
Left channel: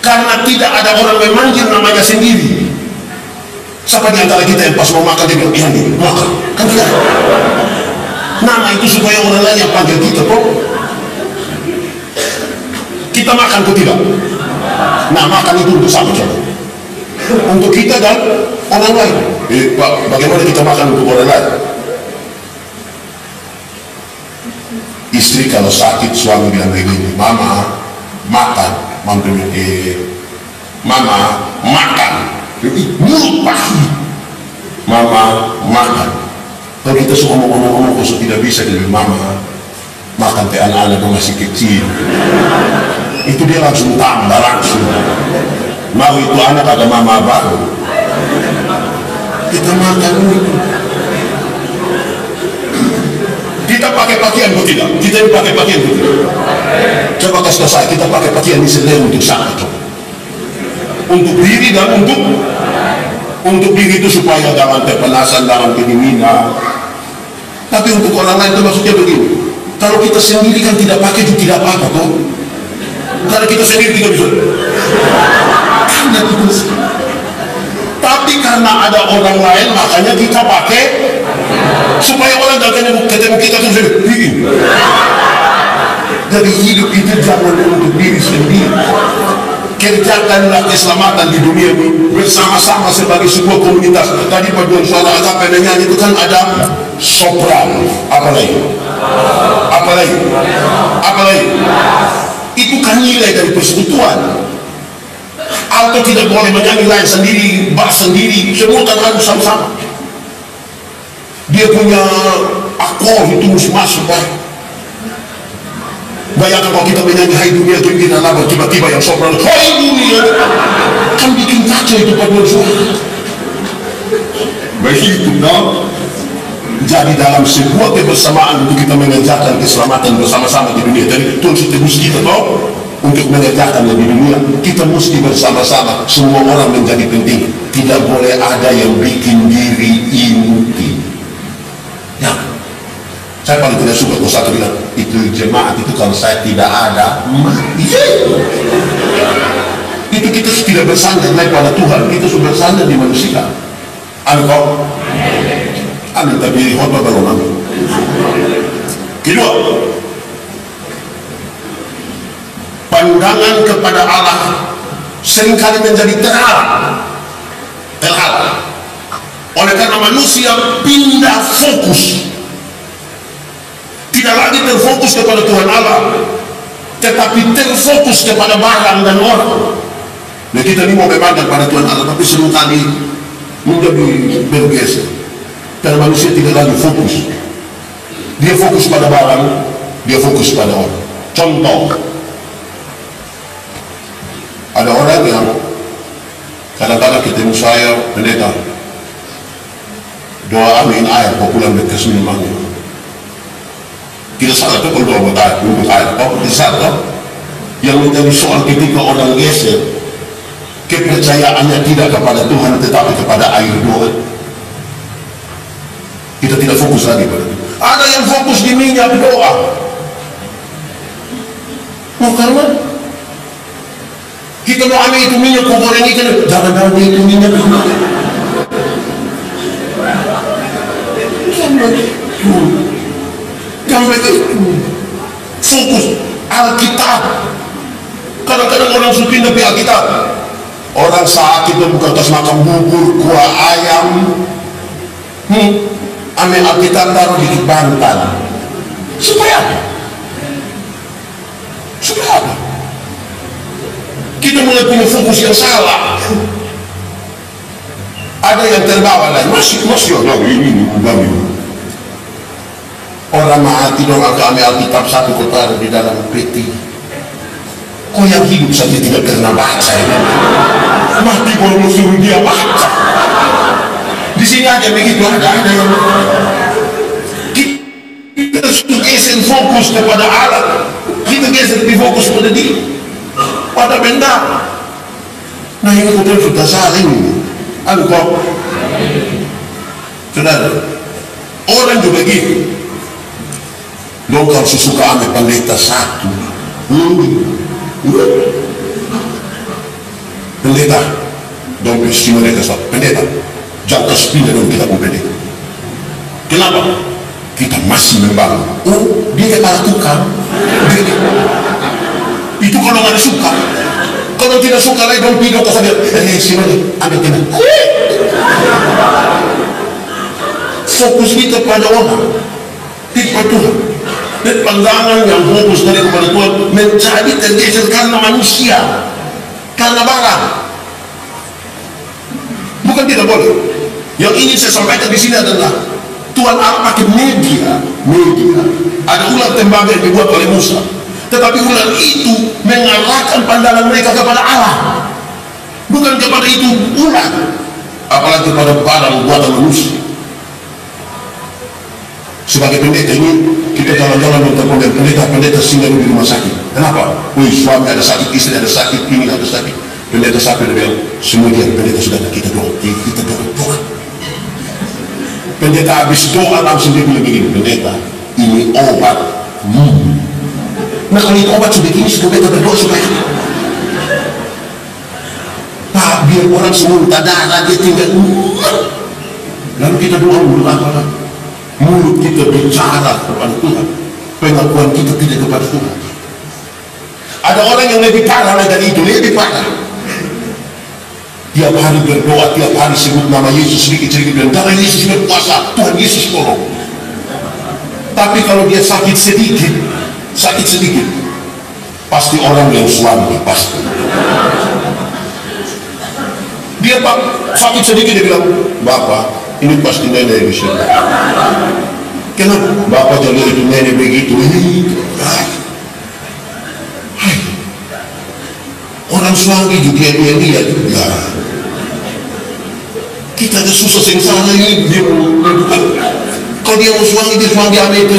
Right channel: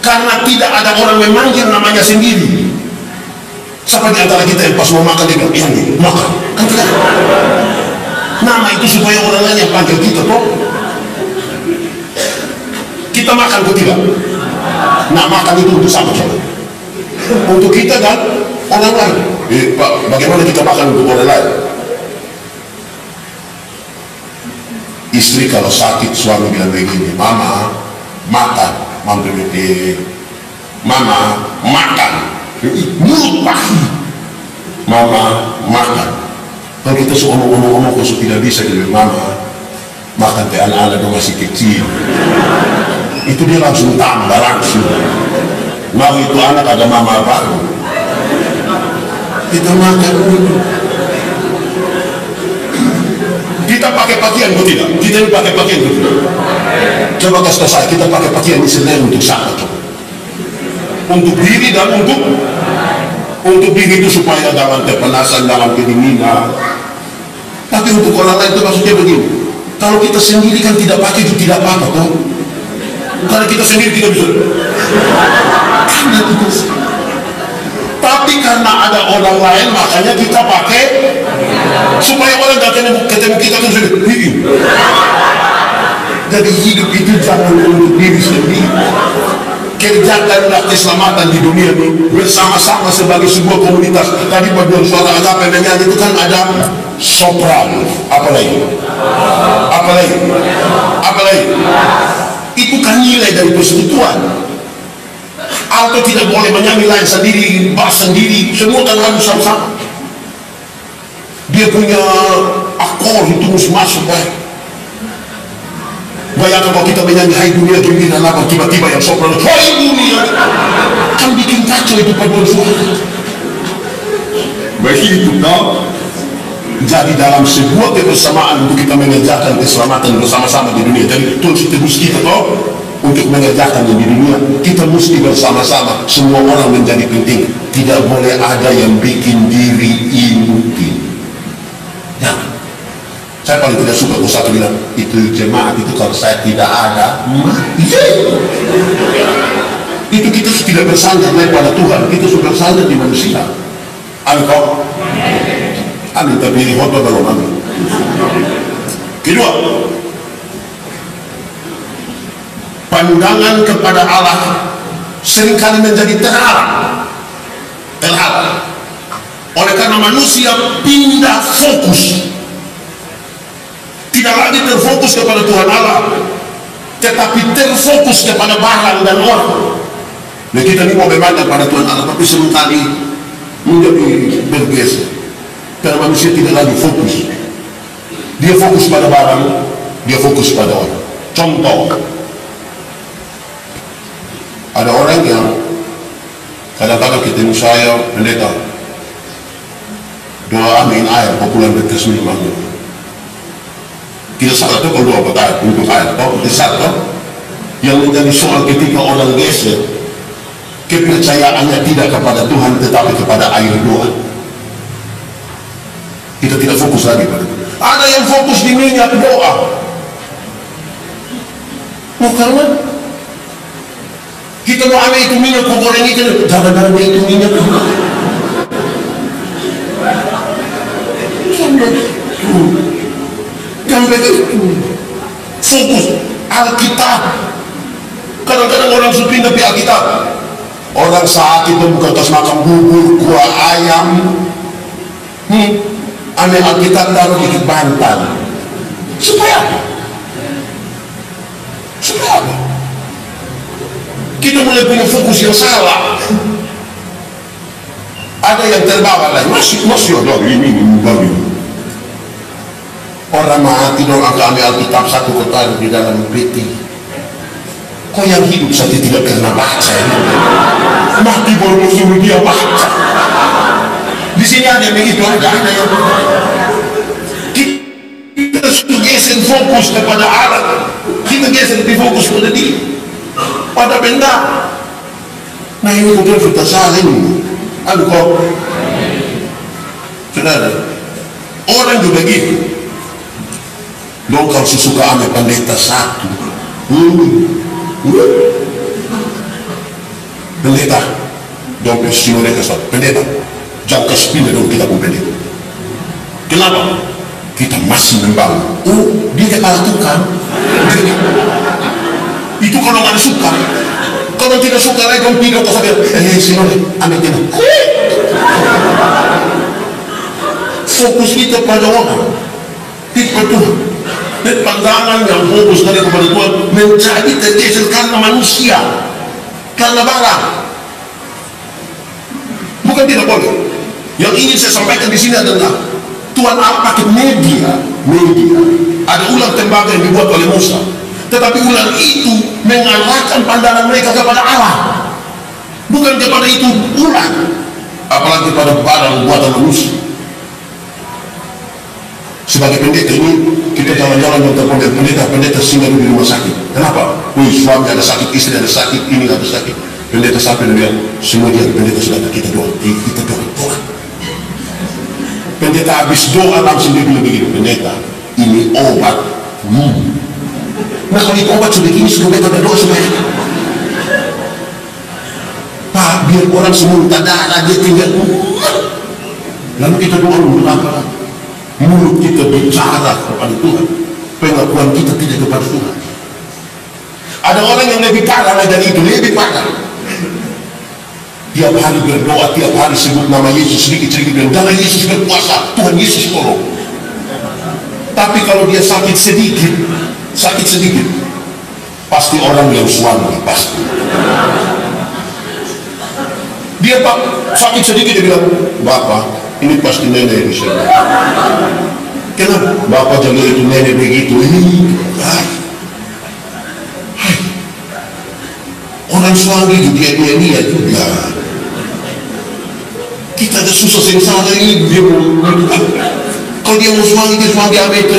Karena tidak ada orang memanggil namanya sendiri. Siapa di antara kita yang pas mau makan dia bilang, "Yang makan." Kan tidak. Nama itu supaya orang lain yang panggil kita toh. Kita makan atau tidak? Nah, makan itu untuk siapa coba? Untuk kita dan orang lain. Pak, bagaimana kita makan untuk orang lain? Istri kalau sakit, suami bilang begini, "Mama makan." Mampu "Mama makan." Mulut pahit. "Mama makan." Kalau kita suka ngomong-ngomong kok tidak bisa, kita bilang, "Mama makan teh, anak-anak dong masih kecil." Itu dia langsung tambah langsung. Mau itu anak ada mama baru. Kita makan dulu. Kita pakai pakaian kok tidak? Kita pakai pakaian kok tidak? Coba kasih tahu saya, kita pakai pakaian ini sebenarnya untuk siapa coba? Untuk diri dan untuk diri itu supaya jangan terpanasan, jangan kedinginan. Tapi untuk orang lain itu maksudnya begini. Kalau kita sendiri kan tidak pakai juga tidak apa-apa toh. Karena kita sendiri kita bisa. Karena kita sendiri. Tapi karena ada orang lain makanya kita pakai supaya orang gak ketemu kita terus. Jadi hidup itu jangan untuk diri sendiri. Kerjakanlah keselamatan di dunia ini bersama-sama sebagai sebuah komunitas. Tadi paduan suara agape nyanyi itu kan ada sopran, apalagi itu kan nilai dari persekutuan. Alto tidak boleh menyanyi lain sendiri, bass sendiri, semua kan harus sama-sama. Dia punya akor itu mesti masuk kan. Bayangkan kalau kita menyanyi hai dunia gembira labar, tiba-tiba yang sopran hai dunia kan bikin kacau itu paduan suara. Begitu dong. Jadi dalam sebuah kebersamaan untuk kita mengerjakan keselamatan bersama-sama di dunia. Jadi Tuhan tebus kita toh untuk mengerjakan di dunia, kita mesti bersama-sama. Semua orang menjadi penting. Tidak boleh ada yang bikin diri inti. Jangan. Saya paling tidak suka kalau satu bilang itu jemaat itu kalau saya tidak ada mati. Itu kita tidak bersandar naik pada Tuhan, kita sudah bersandar di manusia. Amin kau? Amin, tapi khotbah belum amin. Kedua, pandangan kepada Allah seringkali menjadi terhalang. Oleh karena manusia pindah fokus. Tidak lagi terfokus kepada Tuhan Allah, tetapi terfokus kepada barang dan orang. Nah kita ini mau memandang pada Tuhan Allah, tapi seringkali menjadi bergeser. Karena manusia tidak lagi fokus. Dia fokus pada barang, dia fokus pada orang. Contoh, ada orang yang kadang-kadang ketemu saya, pendeta, doa amin air, populer bekas minumannya. Tidak salah tuh kalau doa buat air, untuk air, toh tidak salah toh. Yang menjadi soal ketika orang geser, kepercayaannya tidak kepada Tuhan tetapi kepada air doa. Kita tidak fokus lagi pada itu. Ada yang fokus di minyak doa. Karena kita mau ambil itu minyak, kau goreng ikan, jangan ambil itu minyak doa. Sampai ke fokus Alkitab. Kadang-kadang orang sudah pindah ke Alkitab. Orang sakit itu bukan tas makan bubur, kuah ayam. Ambil Alkitab taruh di bantal. Supaya apa? Supaya apa? Kita mulai punya fokus yang salah. Ada yang terbawa lagi. Masih ada ini baru. Orang mati dong, agak ambil Alkitab satu kotak di dalam peti. Kok yang hidup saja tidak pernah baca ini? Mati baru suruh dia baca. Di sini ada yang begitu, ada yang kita geser fokus kepada Allah, kita geser di fokus pada diri, pada benda. Nah ini betul sudah salah ini. Kok saudara, orang juga gitu. Dong kalau suka ambil pendeta satu, pendeta, dong si mereka satu, pendeta, jangan kasih pindah dong kita pun pendeta. Kenapa? Kita masih membangun. Oh, dia kepala tukang. Itu kalau nggak suka, kalau tidak suka lagi dong pindah ke sana. Si mereka ambil kena. Fokus kita pada orang, tidak pada Tuhan. Dan pandangan yang fokus dari kepada Tuhan menjadi tergeser karena manusia, karena barang. Bukan tidak boleh. Yang ingin saya sampaikan di sini adalah Tuhan Allah pakai media. Ada ular tembaga yang dibuat oleh Musa, tetapi ular itu mengarahkan pandangan mereka kepada Allah, bukan kepada itu ular, apalagi pada barang buatan manusia. Sebagai pendeta ini kita jalan-jalan dengan pendeta singgah di rumah sakit. Kenapa? Suami ada sakit, istri ada sakit, ini ada sakit. Pendeta sampai dan bilang, semua dia pendeta sudah kita doa. Pendeta habis doa langsung dia bilang begini, pendeta, ini obat Nah kalau itu obat sebegini, sudah kita berdoa supaya Pak, biar orang semua tak darah dia tinggal. Lalu kita doa mulut apa? Mulut kita bicara kepada Tuhan, pengakuan kita tidak kepada Tuhan. Ada orang yang lebih parah lagi dari itu, lebih parah. Tiap hari berdoa, tiap hari sebut nama Yesus sedikit-sedikit, dan darah Yesus berkuasa, Tuhan Yesus tolong. Tapi kalau dia sakit sedikit, pasti orang yang suami, pasti. Dia Pak sakit sedikit, dia bilang, Bapak, ini pasti nenek bisa. Kenapa? Bapak jalur itu nenek begitu. Orang suami juga dia juga. Kita ada susah sengsara ini, dia kalau dia mau suami, dia suami apa itu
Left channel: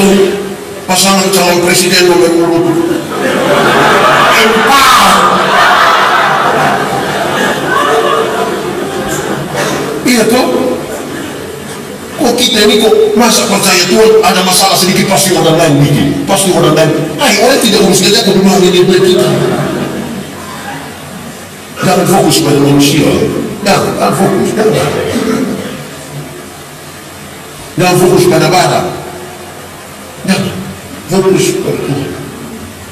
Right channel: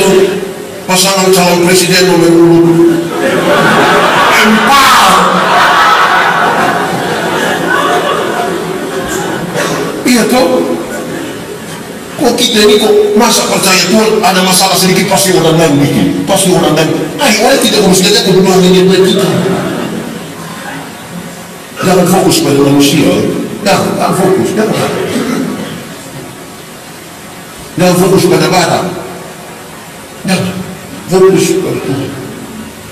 pasangan calon presiden nomor 4. Iya toh, kok kita ini kok masa percaya Tuhan ada masalah sedikit pasti orang lain bikin, pasti orang lain. Orang tidak urus saja ke rumah ini buat kita. Jangan fokus pada manusia, jangan fokus, jangan fokus pada barang, jangan fokus pada Tuhan.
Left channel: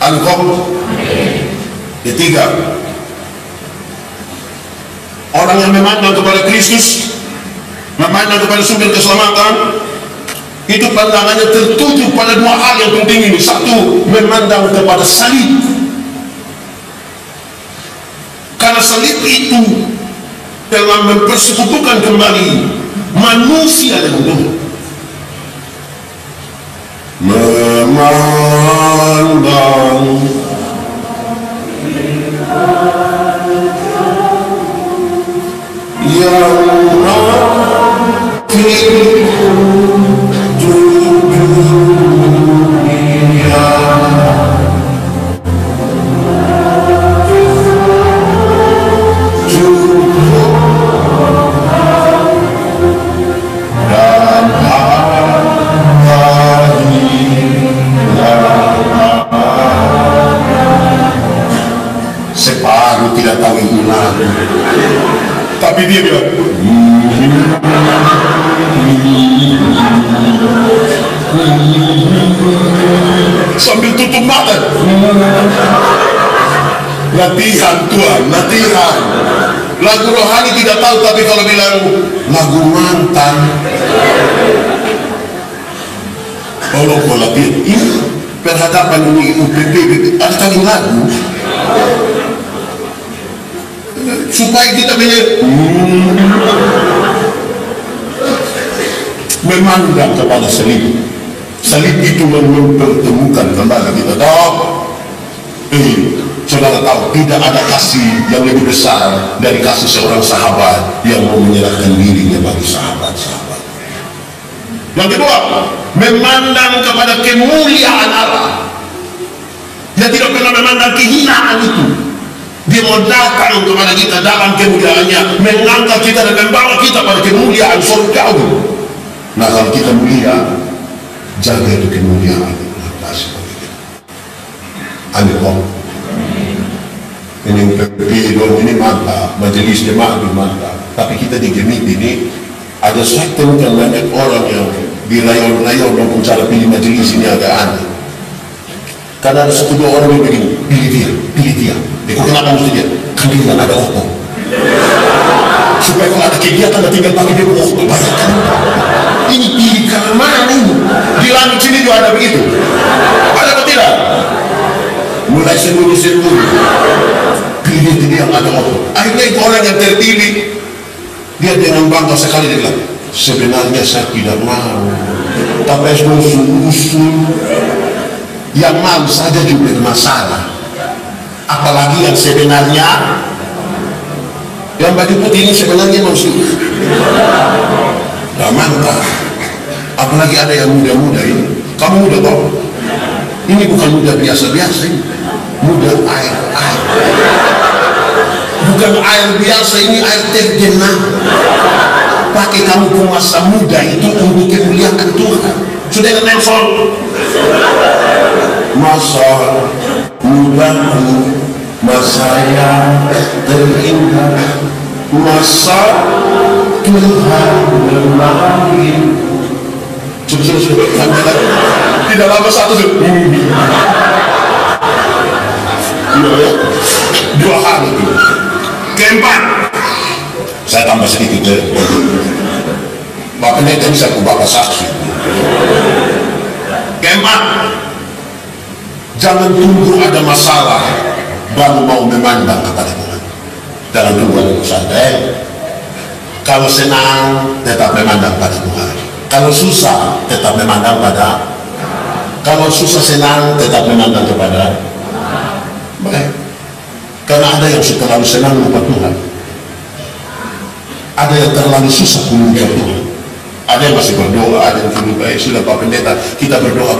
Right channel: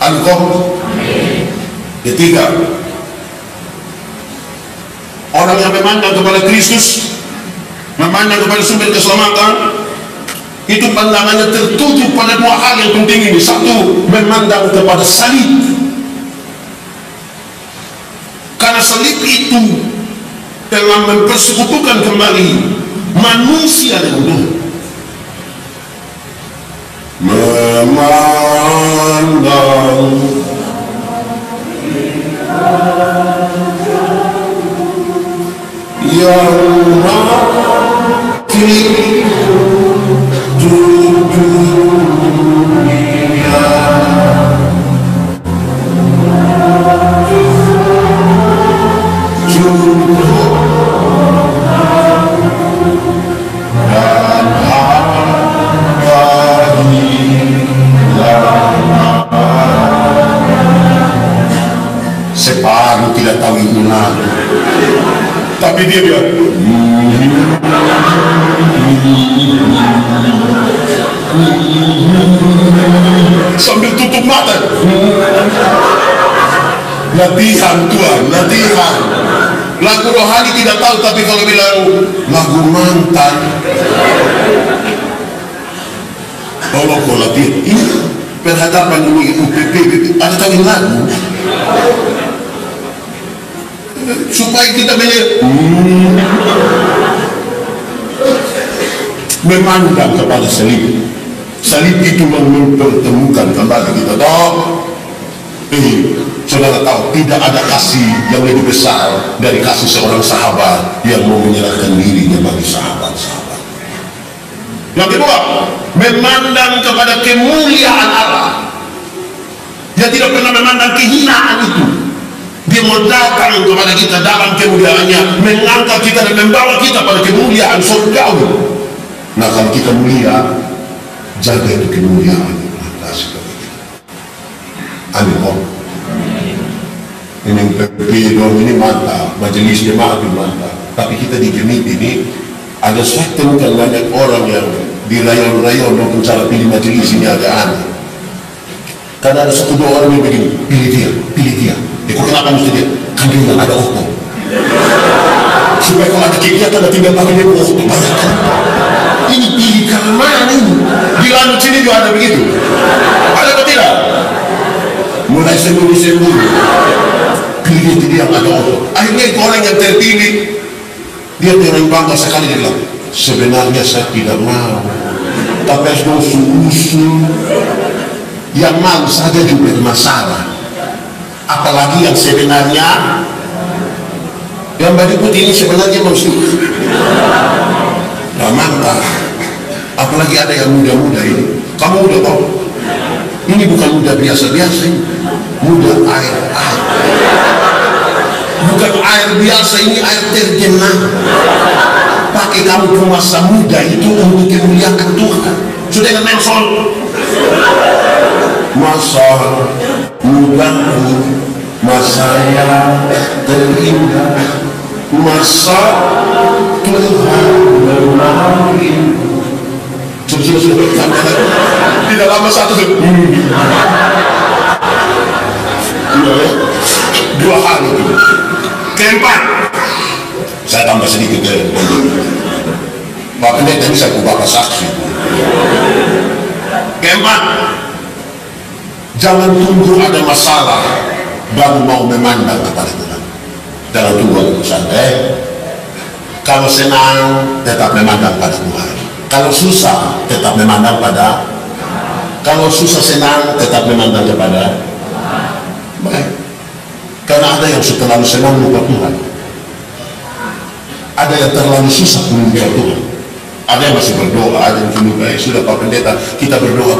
Angkong. Ketiga, orang yang memandang kepada Kristus, memandang kepada sumber keselamatan, itu pandangannya tertuju pada dua hal yang penting ini. Satu, memandang kepada salib. Karena salib itu telah mempersekutukan kembali manusia dengan Tuhan. Memandang yang mati dunia, dan separuh tidak tahu ini lagu, tapi dia bilang sambil tutup mata. Latihan Tuhan, latihan. Lagu rohani tidak tahu, tapi kalau bilang lagu mantan, tolong kau latihan. Ini perhadapan ini UPP, ada tahu lagu supaya kita memandang kepada salib. Salib itu yang mempertemukan kembali kita. Saudara tahu tidak ada kasih yang lebih besar dari kasih seorang sahabat yang mau menyerahkan dirinya bagi sahabat-sahabat. Yang kedua, memandang kepada kemuliaan Allah, yang tidak pernah memandang kehinaan itu. Dia mau datang kepada kita dalam kemuliaannya, mengangkat kita dan membawa kita pada kemuliaan surgawi. Nah kalau kita mulia, jaga itu kemuliaan. Amin. Ini UPP dong, ini mantap, majelis jemaat mantap. Tapi kita di Gemit ini ada suatu kan banyak orang yang di rayon-rayon dong cara pilih majelis ini agak aneh. Karena ada satu dua orang yang begini, pilih dia. Kok kenapa mesti dia? Kan dia nggak ada okto. Supaya kalau ada kegiatan nggak tinggal pakai dia okto, bayangkan. Ini pilih karena mana ini? Di Lanut sini juga ada begitu. Ada atau tidak? Mulai sembunyi-sembunyi. Pilih dia yang ada okto. Akhirnya itu orang yang terpilih, dia dengan bangga sekali dia bilang, sebenarnya saya tidak mau, tapi harus usul. Yang mau saja juga bermasalah. Apalagi yang sebenarnya, yang baju putih ini sebenarnya manusia. Nah, mantap. Apalagi ada yang muda-muda ini. Kamu muda kok? Ini bukan muda biasa-biasa ini. Muda air. Bukan air biasa, ini air tergenang. Pakai kamu masa muda itu untuk kemuliaan Tuhan. Sudah Nelson. masa mudaku, masa yang terindah, masa Tuhan memanggil. Sudah tidak lama satu ya, 2 hari itu. Keempat, saya tambah sedikit ya. Bapak Pendeta ini saya bapak saksi. Keempat, jangan tunggu ada masalah baru mau memandang kepada Tuhan. Jangan tunggu ada masalah. Kalau senang tetap memandang pada Tuhan. Kalau susah tetap memandang pada. Kalau susah senang tetap memandang kepada. Baik. Karena ada yang terlalu senang lupa Tuhan. Ada yang terlalu susah pun lupa Tuhan. Ada yang masih berdoa, ada yang lupa. Sudah Pak Pendeta, kita berdoa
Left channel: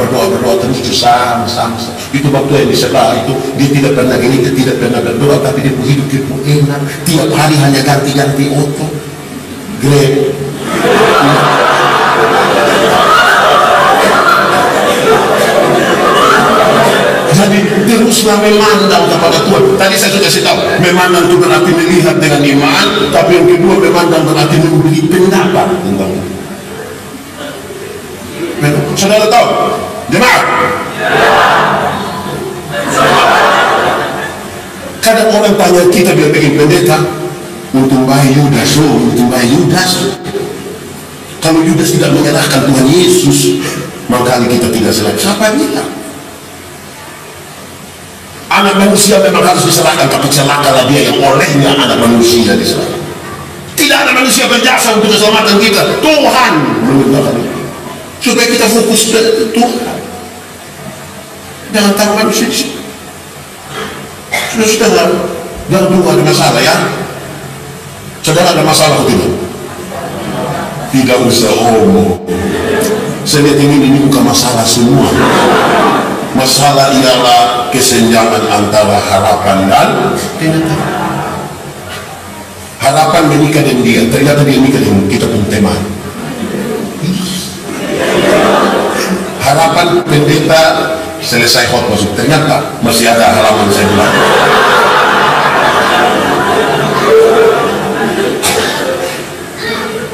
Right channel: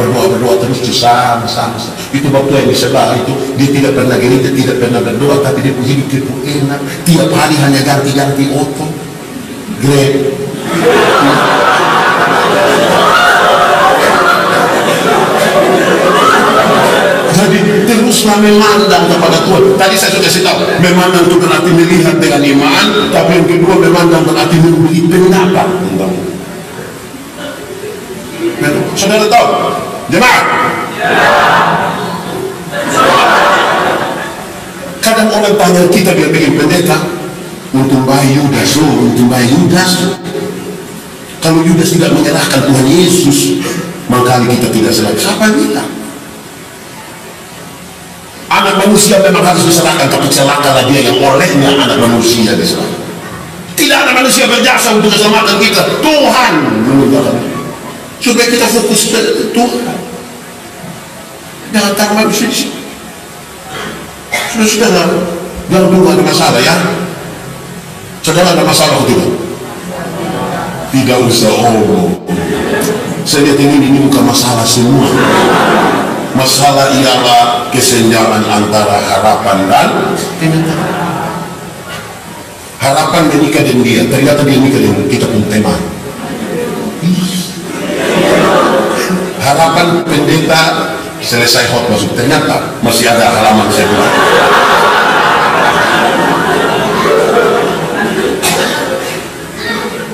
terus sama. Itu waktu yang di sebelah itu, dia tidak pernah gereja, tidak pernah berdoa, tapi dia hidup enak. Tiap hari hanya ganti-ganti otot. Great. Jadi teruslah memandang kepada Tuhan. Tadi saya sudah kasih tahu, memandang itu berarti melihat dengan iman, tapi yang kedua memandang berarti memberi pendapat tentang. Saudara tahu, jemaat? Kadang orang tanya kita biar bikin pendeta, untuk bayi Yudas, kalau Yudas tidak menyerahkan Tuhan Yesus, maka kita tidak selamat. Siapa bilang? Anak manusia memang harus diserahkan, tapi celakalah dia yang olehnya anak manusia diserahkan. Tidak ada manusia berjasa untuk keselamatan kita. Tuhan menunjukkan supaya kita fokus ke Tuhan. Jangan taruh manusia di situ. Saudara, jangan tunggu ada masalah ya. Saudara ada masalah atau tidak? Tidak usah saya lihat ini bukan masalah semua. Masalah ialah kesenjangan antara harapan dan kenyataan. Harapan menikah dengan dia, ternyata dia menikah dengan kita pun teman. Harapan pendeta selesai khotbah, ternyata masih ada halaman sebelah.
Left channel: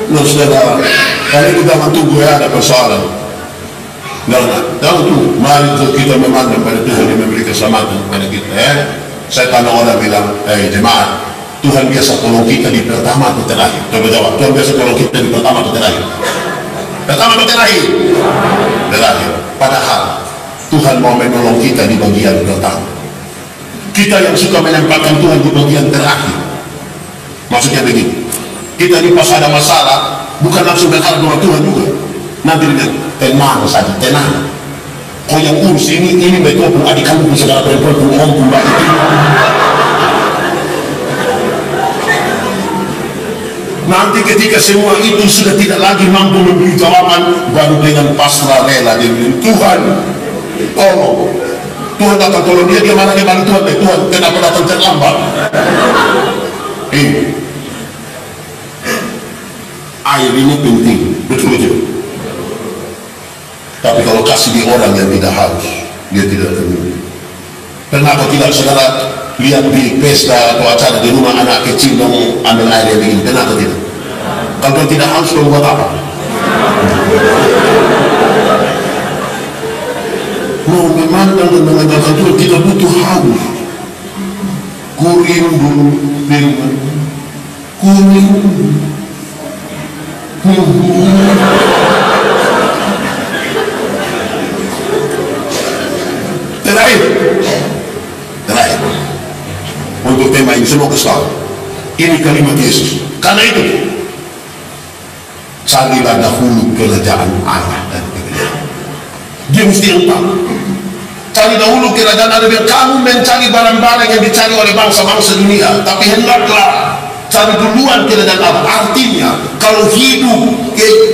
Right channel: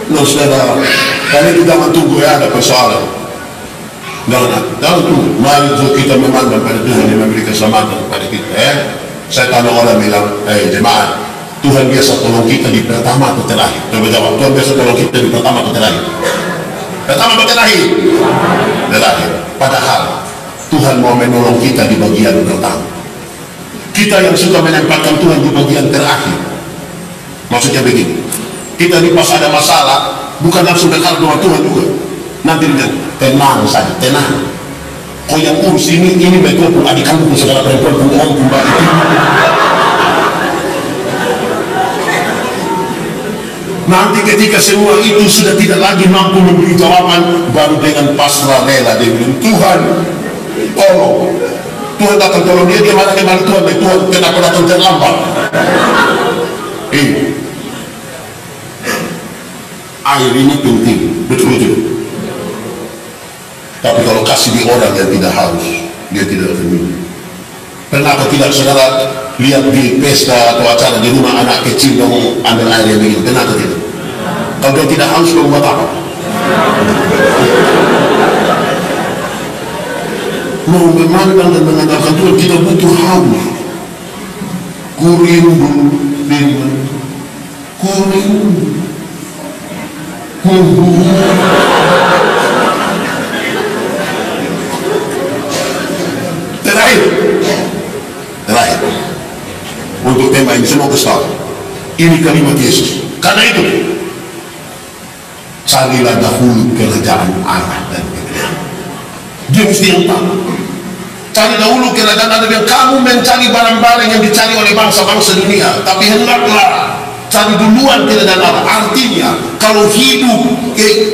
Nah saudara, kali kita tunggu ya ada persoalan. Jangan tunggu. Mari kita memandang pada Tuhan yang memberi keselamatan kepada kita. Saya tanya orang bilang, jemaat, Tuhan biasa tolong kita di pertama atau terakhir? Coba jawab, Tuhan biasa tolong kita di pertama atau terakhir? Pertama atau terakhir? Terakhir. Padahal Tuhan mau menolong kita di bagian pertama. Kita yang suka menempatkan Tuhan di bagian terakhir. Maksudnya begini, kita di pas ada masalah bukan langsung berharap dengan Tuhan juga. Nanti dia tenang saja, tenang. Kau yang urus ini betul pun adik kandung saudara perempuan pun om pun mbak itu. Nanti ketika semua itu sudah tidak lagi mampu memberi jawaban, baru dengan pasrah rela dia bilang, Tuhan tolong. Tuhan datang tolong dia malah kembali Tuhan kenapa datang terlambat? Air ini penting, betul-betul. Tapi kalau kasih di orang yang tidak harus, dia tidak akan minum. Pernah atau tidak saudara lihat di pesta atau acara di rumah anak kecil dong ambil air yang begini? Pernah atau tidak? Kalau dia tidak haus, kau buat apa? Mau memandang dan mengandalkan Tuhan, kita butuh haus. Ku rindu firman, ku rindu. Terakhir untuk tema ini semua kesal. Ini kalimat Yesus. Karena itu carilah dahulu kerajaan Allah dan kebenaran. Dia mesti yang tahu. Cari dahulu kerajaan Allah. Kamu mencari barang-barang yang dicari oleh bangsa-bangsa dunia, tapi hendaklah cari duluan kerajaan Allah. Artinya kalau hidup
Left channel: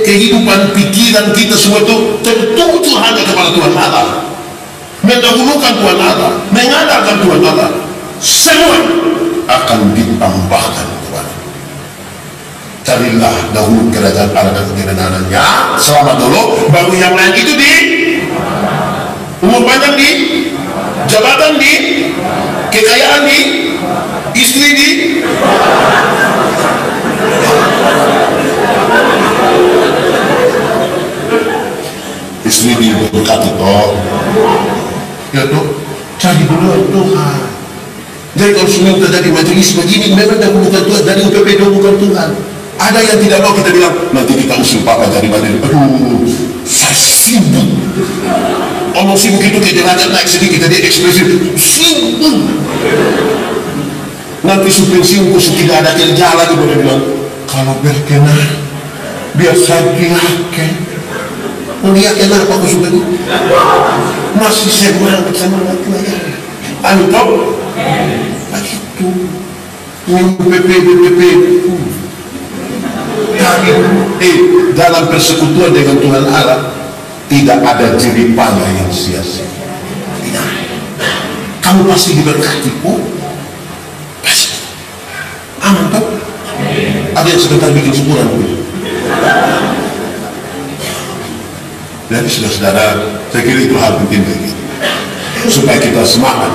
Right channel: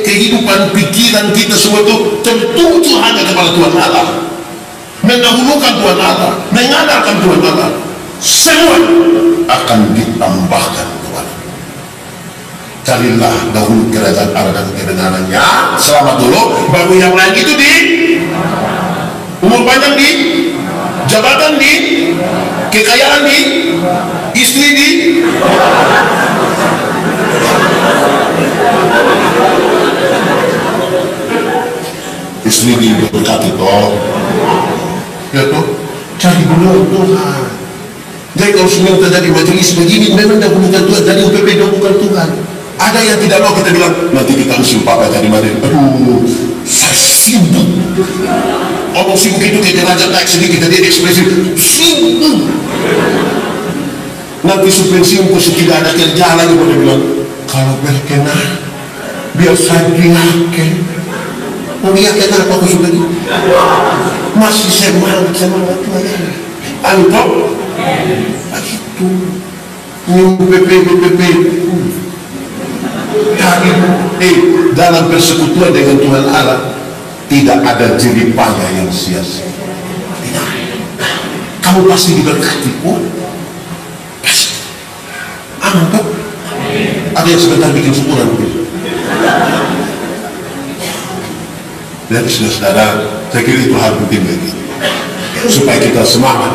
kehidupan pikiran kita semua itu tertuju hanya kepada Tuhan Allah, mendahulukan Tuhan Allah, mengandalkan Tuhan Allah, semua akan ditambahkan kepada. Carilah dahulu kerajaan Allah dan kebenarannya, selamat dulu, baru yang lain itu di. umur panjang di, jabatan di, kekayaan di, istri di, istri diberkati toh, ya toh, cari dulu Tuhan. Jadi kalau semua terjadi majelis begini, memang dah bukan Tuhan, jadi UPP dah bukan Tuhan. Ada yang tidak mau, kita bilang nanti kita usul Papa jadi majelis. Aduh, saya sibuk. Omong sibuk itu ke derajat naik sedikit, jadi ekspresif sibuk. Nanti sepensiunku tidak ada kerja lagi, boleh bilang kalau berkenan biar saya diaken. Mau diaken apa aku sudah masih semangat melayani. Anu toh begitu minggu PPP tapi dalam persekutuan dengan Tuhan Allah tidak ada jeripaya yang sia-sia. Tidak. Kamu pasti diberkati pun pasti aman toh. Ada yang sebentar bikin syukuran begitu. Jadi saudara-saudara, saya kira itu hal penting bagi supaya kita semangat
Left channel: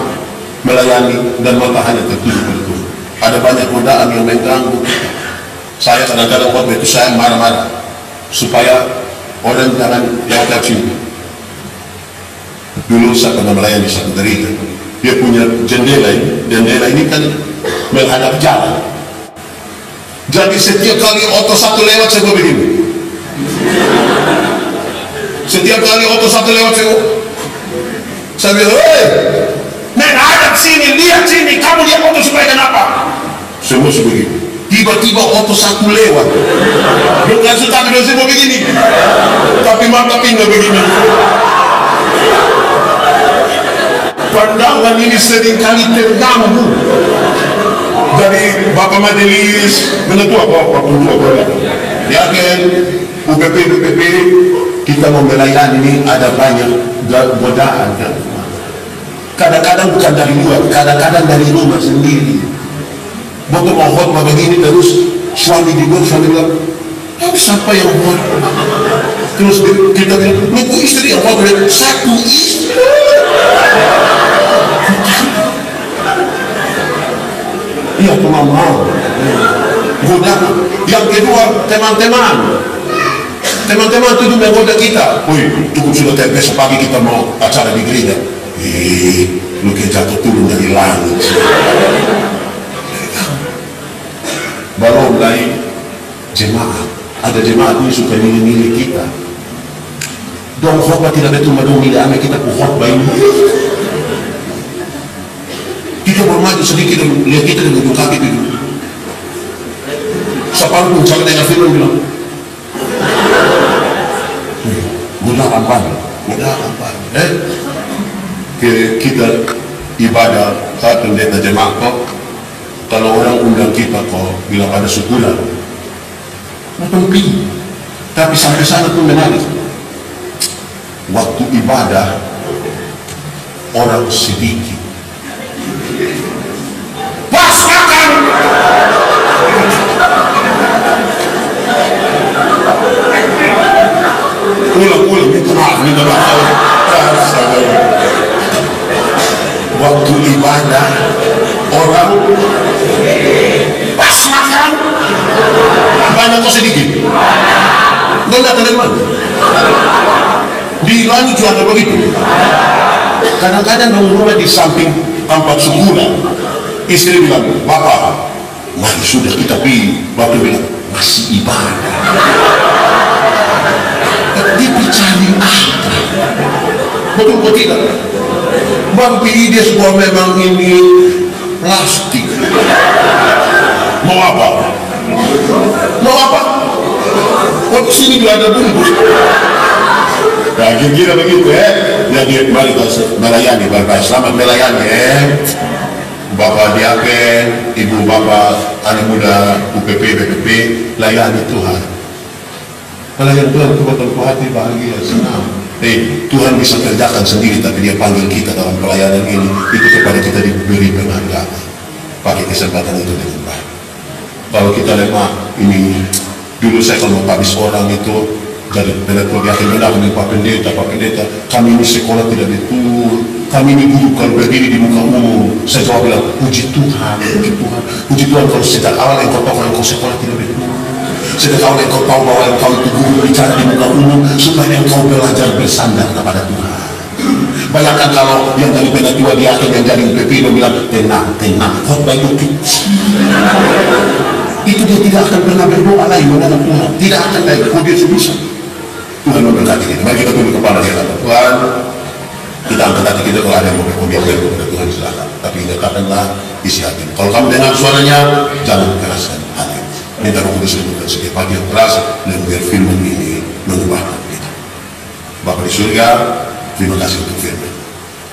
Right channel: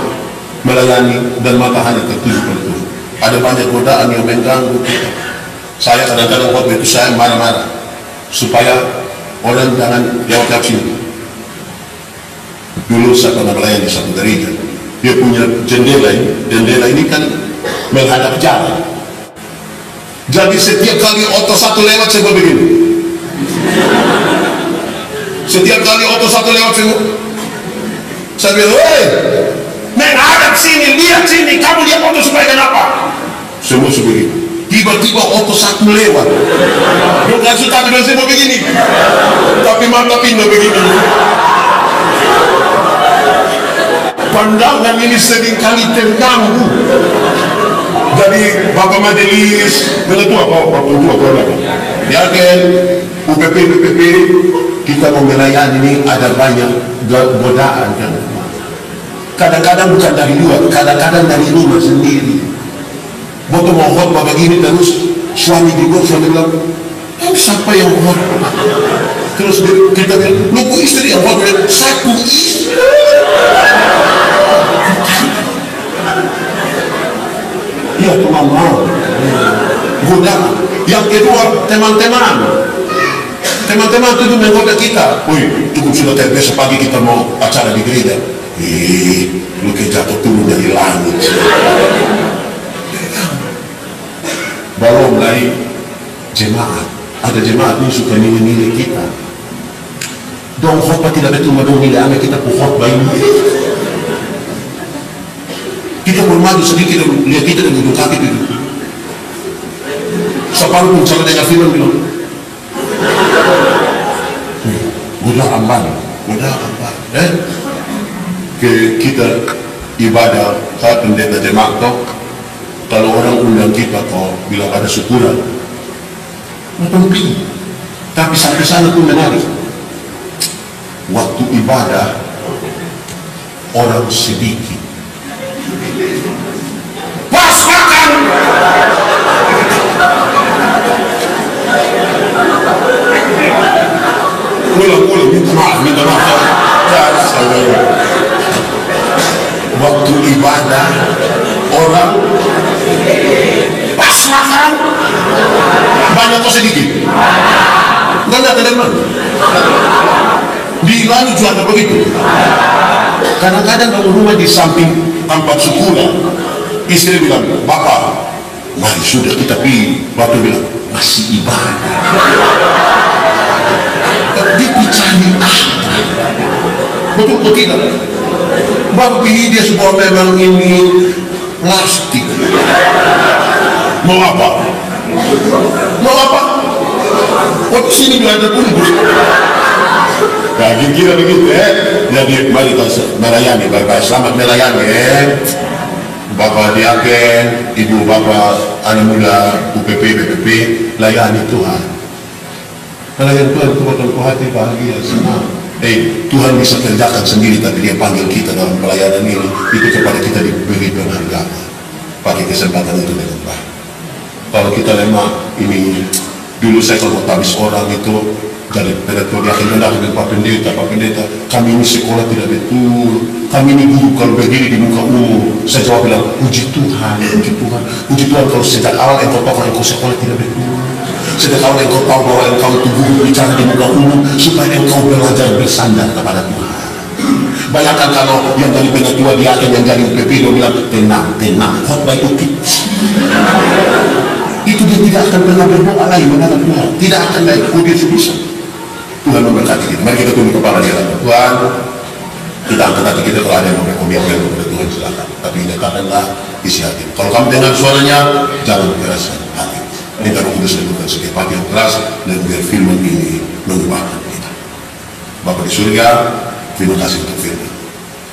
melayani dan mata hanya tertuju pada Tuhan. Ada banyak godaan yang mengganggu kita. Saya kadang-kadang waktu itu saya marah-marah supaya orang jangan lewat sini. Dulu saya pernah melayani di satu gereja, dia punya jendela ini kan menghadap jalan. Jadi setiap kali oto satu lewat saya begini. Setiap kali oto satu lewat saya bilang, hei, menghadap sini, lihat sini, kamu lihat oto supaya kenapa? Semua sebegini. Tiba-tiba oto satu lewat, bukan satu dan semua begini, tapi mata pindah begini. Pandangan ini seringkali terganggu. Jadi Bapak Majelis menetua ya kan, UPP kita mau melayani ini ada banyak godaan kan. Kadang-kadang bukan dari luar, kadang-kadang dari rumah sendiri. Waktu mau khotbah begini terus suami di luar, suami bilang, siapa yang khotbah? Terus kita bilang, nunggu istri yang khotbah. Satu istri. Iya, mau godaan. Yang kedua, teman-teman itu menggoda kita. Woi, cukup sudah terbiasa pagi kita mau acara di gereja. Lu kayak jatuh turun dari langit. Belum lagi jemaat. Ada jemaat ini suka nilai-nilai kita. Dong khotbah tidak betul madung nilai ame kita ku khotbah ini. Kita baru maju sedikit lihat kita dengan ujung kaki itu. Sepang pun cara dengan firman bilang, godaan banyak. Kita ibadah saat pendeta jemaat kok. Kalau orang undang kita kok bilang ada syukuran, nonton pergi. Tapi sampai sana tuh menarik. Waktu ibadah orang sedikit, pas makan ulang minta maaf. Waktu ibadah orang pas makan banyak kok sedikit. Bukan datang dari mana? Di lalu juga ada begitu. Kadang-kadang bangun rumah di samping tempat syukuran, istri bilang, Bapak, mari sudah kita pergi. Batu bilang, masih ibadah. Dia cari apa? Betul kok tidak? Baru pilih dia sebuah memang ini plastik. Mau apa? Waktu sini juga ada bungkus. Nah, kira-kira begitu ya. Jadi mari kita melayani, baik-baik. Selamat melayani ya. Bapak diaken, Ibu Bapak anak muda UPP, BPP, layani Tuhan. Melayani Tuhan itu betul hati bahagia, senang. Tuhan bisa kerjakan sendiri, tapi Dia panggil kita dalam pelayanan ini. Itu kepada kita diberi penghargaan. Pakai kesempatan itu dengan baik. Kalau kita lemah, ini dulu saya kalau mau tabis orang itu Jadi pendapat yakin benar dengan Pak Pendeta, kami ini sekolah tidak betul, kami ini guru kalau berdiri di muka umum. Saya jawab bilang, puji Tuhan, kalau sejak awal engkau tahu engkau sekolah tidak betul. Sejak awal engkau tahu bahwa engkau itu guru bicara di muka umum supaya engkau belajar bersandar kepada Tuhan. Bayangkan kalau yang dari penyatua diaken yang jadi UPP dia bilang tenang, khotbah itu kecil. Itu dia tidak akan pernah berdoa lagi menghadap Tuhan, tidak akan lagi. Kau dia sebisa. Tuhan memberkati kita. Mari kita tunduk kepala di hadapan Tuhan. Kita angkat hati kita, kalau ada yang mau berkomitmen kepada Tuhan silakan. Tapi dekatkanlah isi hati. Kalau kamu dengar suaranya, jangan keraskan hati. Minta Roh Kudus menurunkan setiap hati yang keras dan biar firman ini mengubahkan kita. Bapa di surga, terima kasih untuk firman.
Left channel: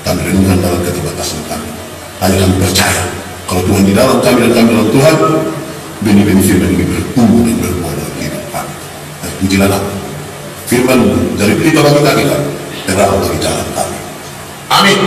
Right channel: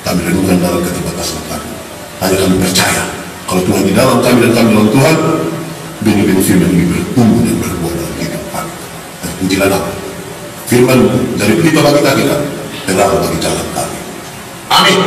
Kami renungkan dalam keterbatasan kami. Hanya kami percaya kalau Tuhan di dalam kami dan kami dalam Tuhan, benih-benih firman ini bertumbuh dan berbuah dalam hidup kami. Dan pujilah nama. Firman dari pelita bagi kita, terang bagi jalan kami. Amin.